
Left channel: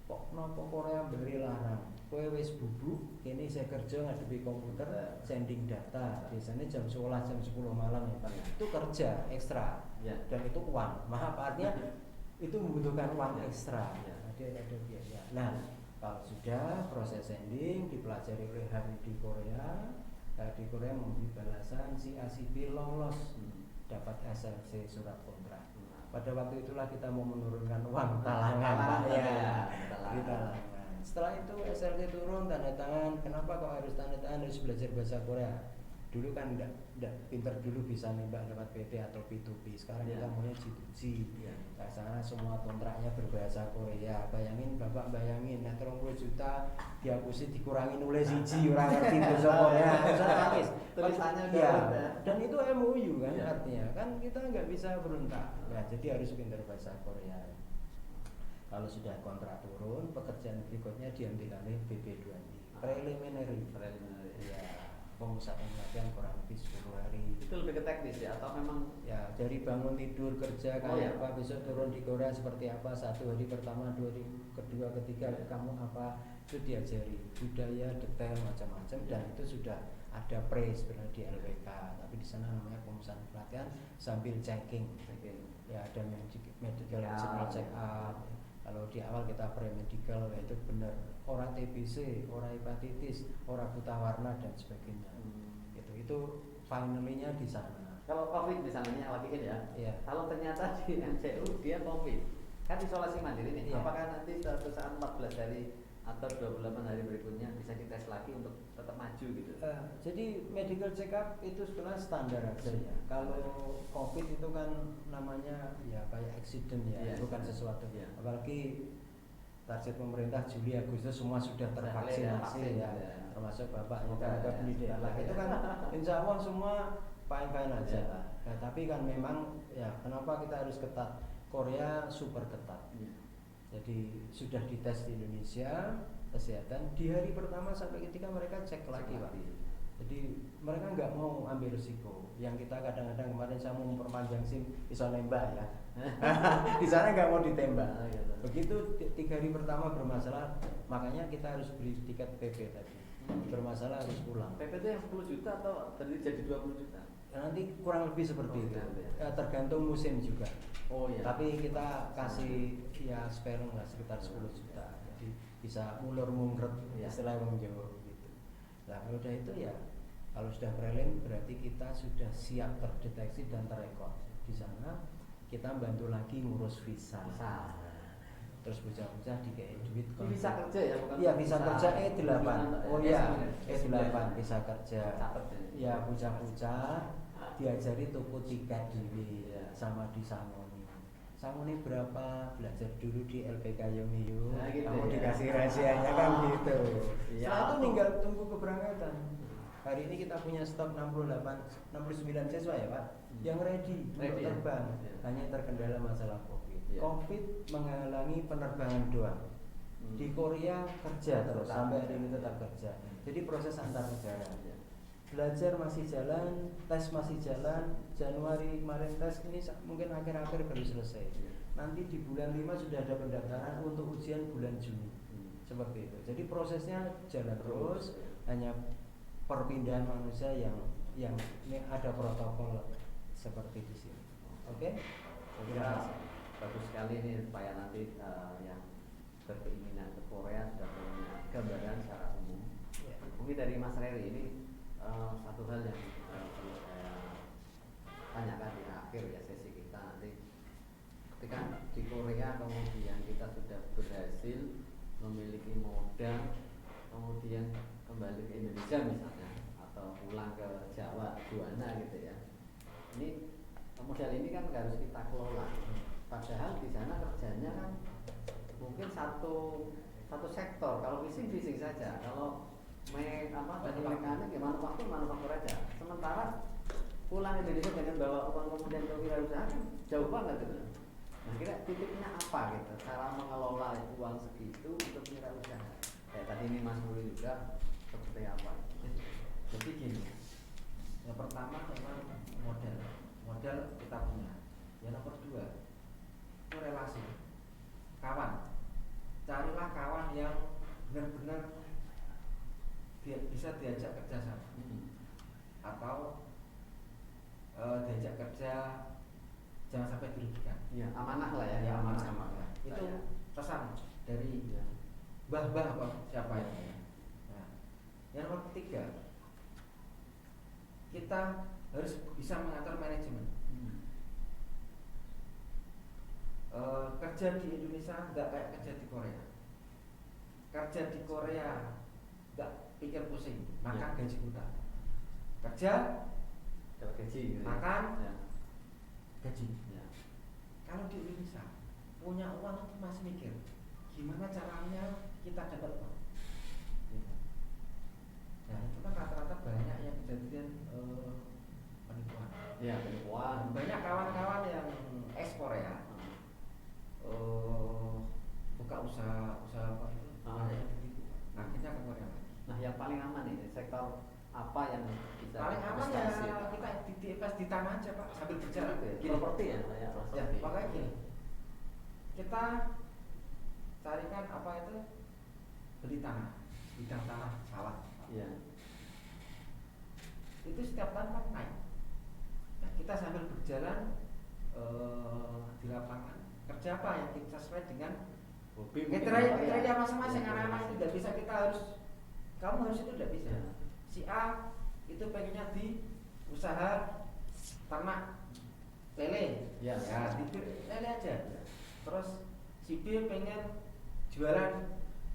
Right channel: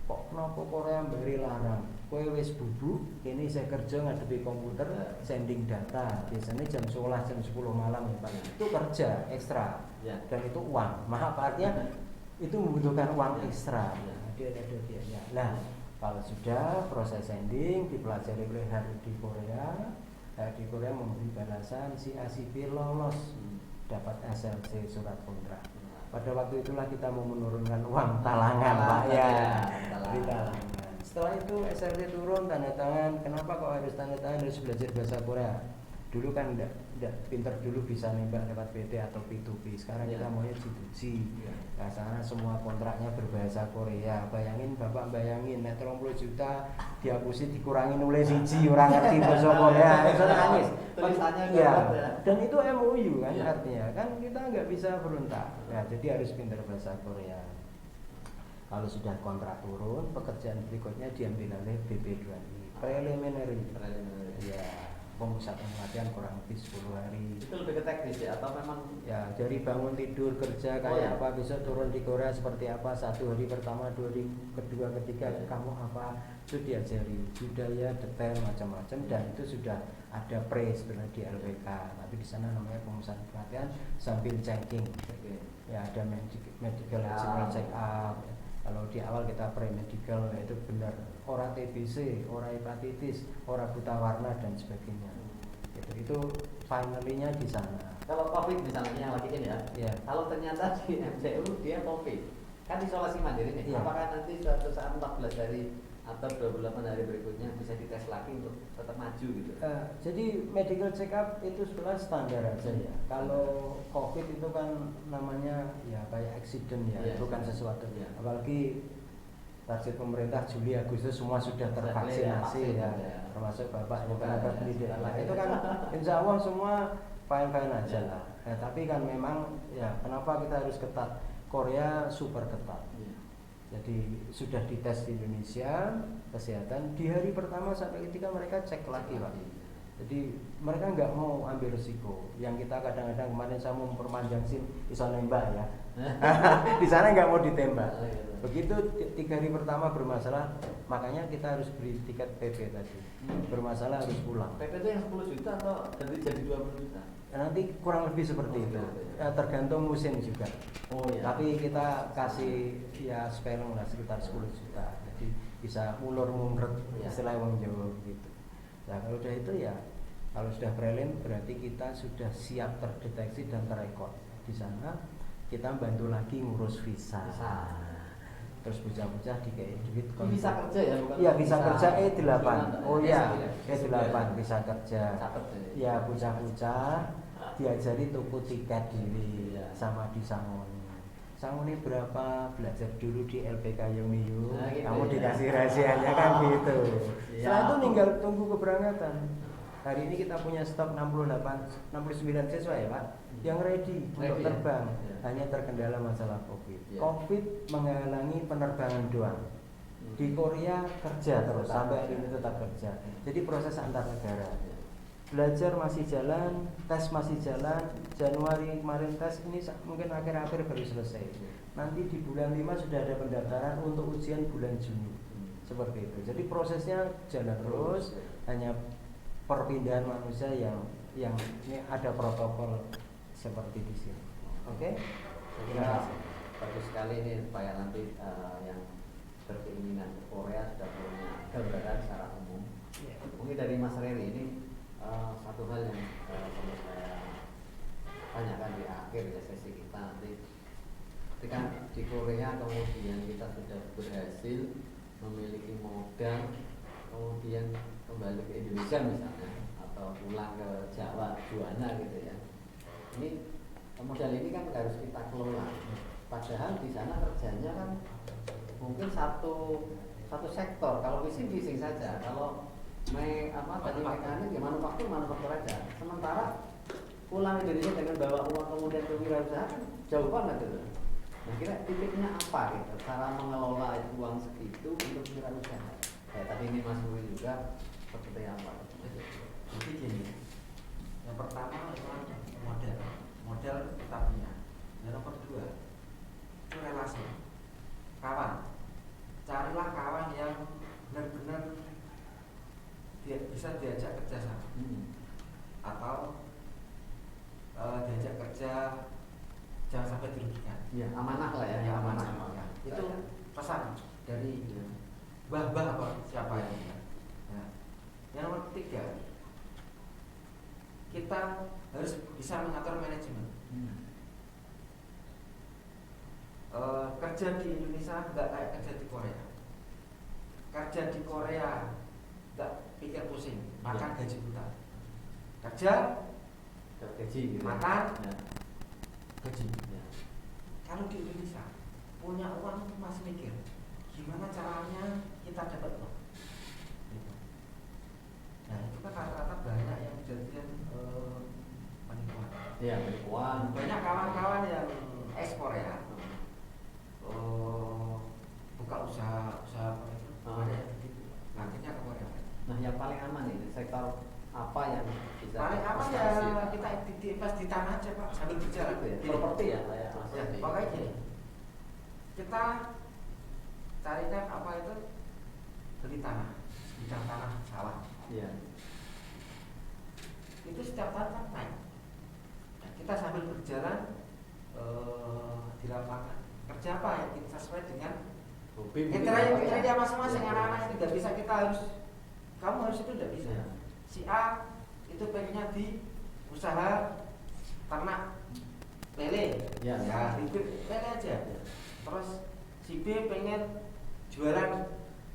Kok kenapa Korea beri larang? Kowe wis bubuk, ini saya kerja ngadepi komputer, sending data. Biasanya jam 11 jam 10 malam ya Pak. Itu kerja ekstra dan itu uang. Maaf artinya itu membutuhkan uang ekstra. Ada biaya. Nah, kalau sudah proses sending dipelajari oleh hari di Korea memberi balasan si A si B lolos dapat SLC surat kontrak. Pada waktu itulah kita mau menurunkan uang talangan Pak ya. Talangan. Setelah itu SLC turun tanda tangan. Kenapa kok harus tanda tangan, harus belajar bahasa Korea? Dulu kan enggak pinter dulu bisa nembak dapat PT atau P2P. Sekarang kita maunya G2G. Nah, sana semua kontraknya berbahasa Korea. Bayangin net 30 juta dihapusin dikurangi nulis siji orang ngerti bahasa Korea. Bisa nangis. Ya. Dan itu MOU kan artinya kan kita nggak bisa berontak. Nah, jadi harus pintar bahasa Korea. Kalau sudah kontrak turun, pekerjaan berikutnya diambil oleh BP2I. Preliminary. Ya. Pemusatan pelatihan kurang lebih 10 hari. Itu lebih ke teknis ya atau memang ya dari bangun tidur kerja kayak apa, besok turun di Korea seperti apa, 1 hari pertama, 2 hari kedua, ketiga kamu apa, itu diajari budaya detail macam-macam dan itu sudah ada sebenarnya di LPK, tapi di sana namanya pemusatan pelatihan sambil checking. Ya ada medical check up. Kalau di awal kita pre-medical itu benar orang TBC, orang hepatitis, orang buta warna dan sebagainya. Itu finally-nya di sana. Kalau COVID misalnya yang lagi ini ya. Kalau ternyata di MCU dia COVID, kan isolasi mandiri nih. Apakah nanti suatu saat 14 hari atau 28 hari berikutnya bisa dites lagi untuk tetap maju gitu? Jadi medical check up itu sebenarnya standar aja ya. Kalau COVID itu kan namanya ya kayak accident ya, bukan sesuatu. Apalagi target pemerintah Juli Agustus semua sudah tervaksinasi ya, termasuk bapak tenaga pendidikan. Nah, itu kan insya Allah semua fine aja lah. Nah, tapi kan memang ya kenapa kita harus ketat? Korea super ketat. Jadi sudah dites di Indonesia kesehatan di hari pertama sampai ketika mereka cek lagi Pak. Jadi mereka nggak mau ambil risiko. Yang kita kadang-kadang kemarin saya mau memperpanjang SIM bisa nembak ya. Di sana nggak mau ditembak. Begitu 3 hari pertama bermasalah, makanya kita harus beli tiket PP tadi. Bermasalah harus pulang. PP itu yang 10 juta atau jadi 20 juta? Nanti kurang lebih seperti itu. Ya, tergantung musim juga. Tapi kita kasih ya spelling lah sekitar 10 juta. Jadi bisa ulur ngungret istilah wong Jawa gitu. Nah, kalau udah itu ya kalau sudah prelim berarti kita sudah siap terdeteksi dan terekod. Di sana kita bantu lagi ngurus visa. terus bocah-bocah dikei duit Bisa kerja ya, bukan iya bisa kerja E8 oh iya S9. E8 bisa kerja Catet ya. ya bocah-bocah diajari tuku tiket diri Iya. sama disangoni sangoni berapa belajar dulu di LPK Yomiyu Nah, gitu kamu ya. dikasih rahasianya kan gitu Iya. setelah itu tinggal tunggu keberangkatan hari ini kita punya stok 69 siswa ya Pak yang ready untuk ya? terbang Ya. hanya terkendala masalah COVID Ya. COVID menghalangi penerbangan doang di Korea kerja terus Tetap sampai kerja. hari ini tetap kerja jadi proses antar negara Ya. belajar masih jalan tes masih jalan Januari kemarin tes ini mungkin akhir-akhir baru selesai nanti di bulan 5 sudah ada pendaftaran untuk ujian bulan Juni seperti itu jadi prosesnya jalan terus hanya perpindahan manusia yang ini ada protokol seperti di sini oke Saya kira bagus sekali ini supaya nanti yang berkeinginan ke Korea sudah punya gambaran secara umum. Ya. Mungkin dari Mas Reri ini satu hal yang perlu saya tanyakan di akhir ya sesi kita nanti. Ketika di Korea kemudian kita sudah berhasil memiliki modal, kemudian kembali ke Indonesia misalnya atau pulang ke Jawa, Juwana gitu ya. Ini modal ini kan harus kita kelola. Padahal di sana kerjanya kan mungkin satu sektor. Kalau bising saja. Kalau tadi mekanik ya manufaktur aja. Sementara pulang Indonesia dengan bawa uang kemudian ke wirausaha kan jauh banget gitu. Nah kira titiknya apa gitu? Cara mengelola uang segitu untuk wirausaha. Kayak tadi ini Mas Rui juga seperti apa? Jadi gini, yang pertama memang model kita punya. Yang nomor dua itu relasi kawan. Carilah kawan yang benar-benar bisa diajak kerja sama atau diajak kerja jangan sampai dirugikan. Ya amanah lah ya. Ya, amanah. amanah. Itu pesan dari mbah-mbah apa siapa itu. Nah, yang nomor ketiga kita harus bisa mengatur manajemen. Kerja di Indonesia nggak kayak kerja di Korea. Kerja di Korea nggak pikir pusing, makan gaji buta. Kerja, Gaji gitu. makan, Ya. gaji. Ya. Kalau di Indonesia punya uang itu masih mikir gimana caranya kita dapat uang. Nah itu kan rata-rata banyak yang kejadian penipuan. Ya, penipuan. Banyak kawan-kawan yang ekspor ya. Buka usaha apa itu banyak yang begitu akhirnya ke Korea. Nah, yang paling aman ini sektor apa yang bisa Paling aman ya kita invest di tanah aja Pak sambil berjalan itu ya? Gini. Properti ya, kayak Mas Ya, Rudi. makanya gini, kita carikan apa itu beli tanah, bidang tanah sawah. Iya. Itu setiap tahun kan naik. Nah, kita sambil berjalan di lapangan kerja apa ya kita sesuai dengan Hobi mungkin apa ya? kriteria masing-masing. Iya. Anak-anak itu tidak bisa kita harus kamu harus itu tidak bisa. Iya. Si A itu pengennya di usaha ternak lele, Ya. ya itu lele aja. Terus si B pengen jualan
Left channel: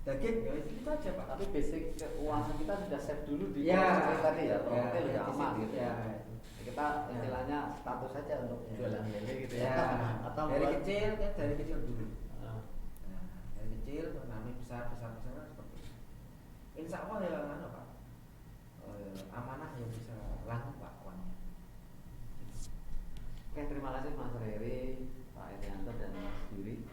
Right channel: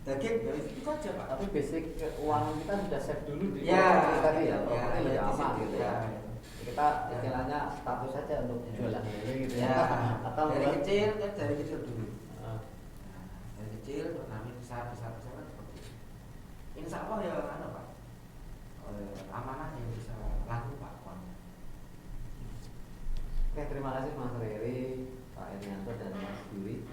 daging, ya itu aja Pak. Tapi basic keuangan kita sudah save dulu di Ya, properti tadi ya, properti ya, lebih di aman situ, gitu ya. ya. Kita istilahnya status saja untuk jualan ini gitu ya. Ya, Atau dari buat- kecil kan dari kecil dulu. Ah, Nah, dari kecil terus nanti besar seperti itu. Insya Allah ya kan Pak. Amanah yang bisa laku Pak. Oke, terima kasih Mas Reri, Pak Erianto dan Mas Yuri.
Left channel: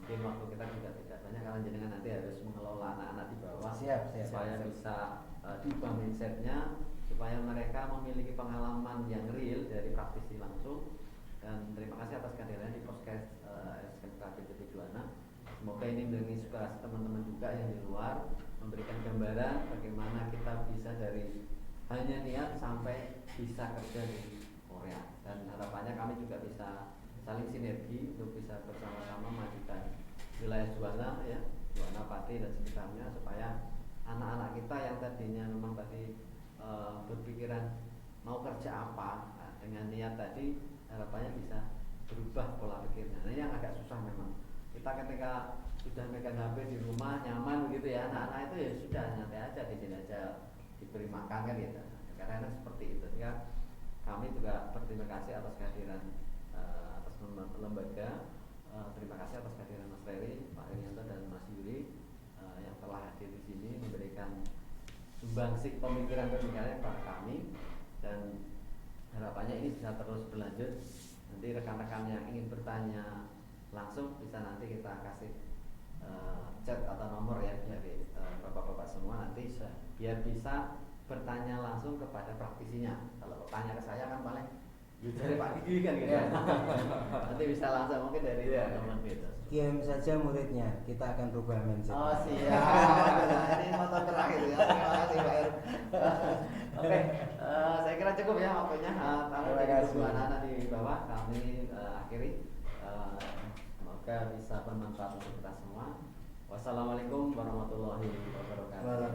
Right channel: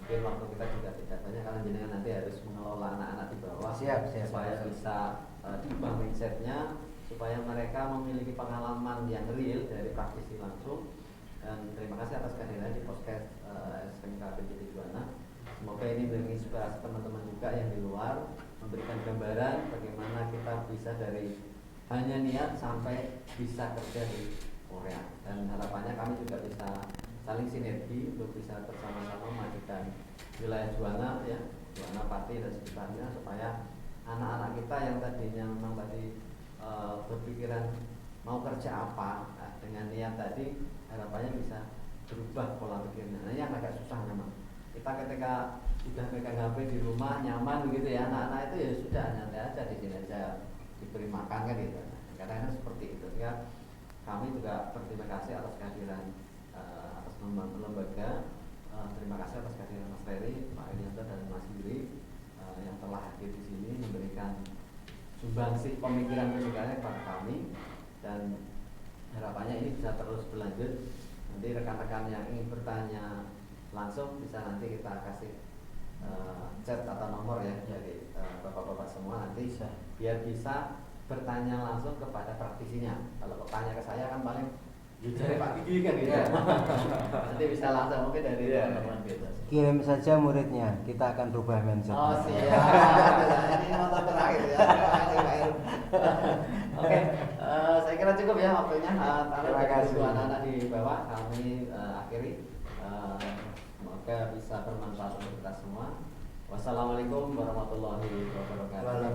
Mungkin waktu kita juga tidak banyak karena jenengan nanti harus mengelola anak-anak di bawah Siap. supaya bisa diubah mindsetnya, supaya mereka memiliki pengalaman yang real dari praktisi langsung. Dan terima kasih atas kehadiran di podcast SMK PTT Juwana. Semoga ini menginspirasi teman-teman juga yang di luar, memberikan gambaran bagaimana kita bisa dari hanya niat sampai bisa kerja di Korea. Dan harapannya kami juga bisa saling sinergi untuk bisa bersama-sama memajukan wilayah Juwana ya, Juwana Pati dan sekitarnya, supaya anak-anak kita yang tadinya memang tadi berpikiran mau kerja apa, nah, dengan niat tadi harapannya bisa berubah pola pikirnya. Nah, ini yang agak susah memang. Kita kita ketika sudah pegang HP di rumah nyaman gitu ya, anak-anak itu ya sudah nanti aja di sini aja diberi makan kan gitu. Kadang-kadang seperti itu ya. Kami juga berterima kasih atas kehadiran atas lembaga, terima kasih atas kehadiran Mas Ferry, Pak Irianto dan Mas Yuri yang telah hadir di sini memberikan sumbangsi pemikiran-pemikirannya kepada kami, dan harapannya ini bisa terus berlanjut. Nanti rekan-rekan yang ingin bertanya langsung bisa nanti kita kasih chat atau nomor ya dari bapak-bapak semua, nanti biar bisa bertanya langsung kepada praktisinya. Kalau bertanya ke saya kan paling jujur Pak Gigi kan gitu. Nanti bisa langsung mungkin dari teman-teman gitu. Kirim saja muridnya, kita akan rubah mindset. Oh siap. Ini nota terakhir ya. Terima kasih Pak Heru. Oke, saya kira cukup ya waktunya. Terima kasih. Anak-anak di bawah kami akhiri. Semoga bisa bermanfaat untuk kita semua. Wassalamualaikum warahmatullahi wabarakatuh.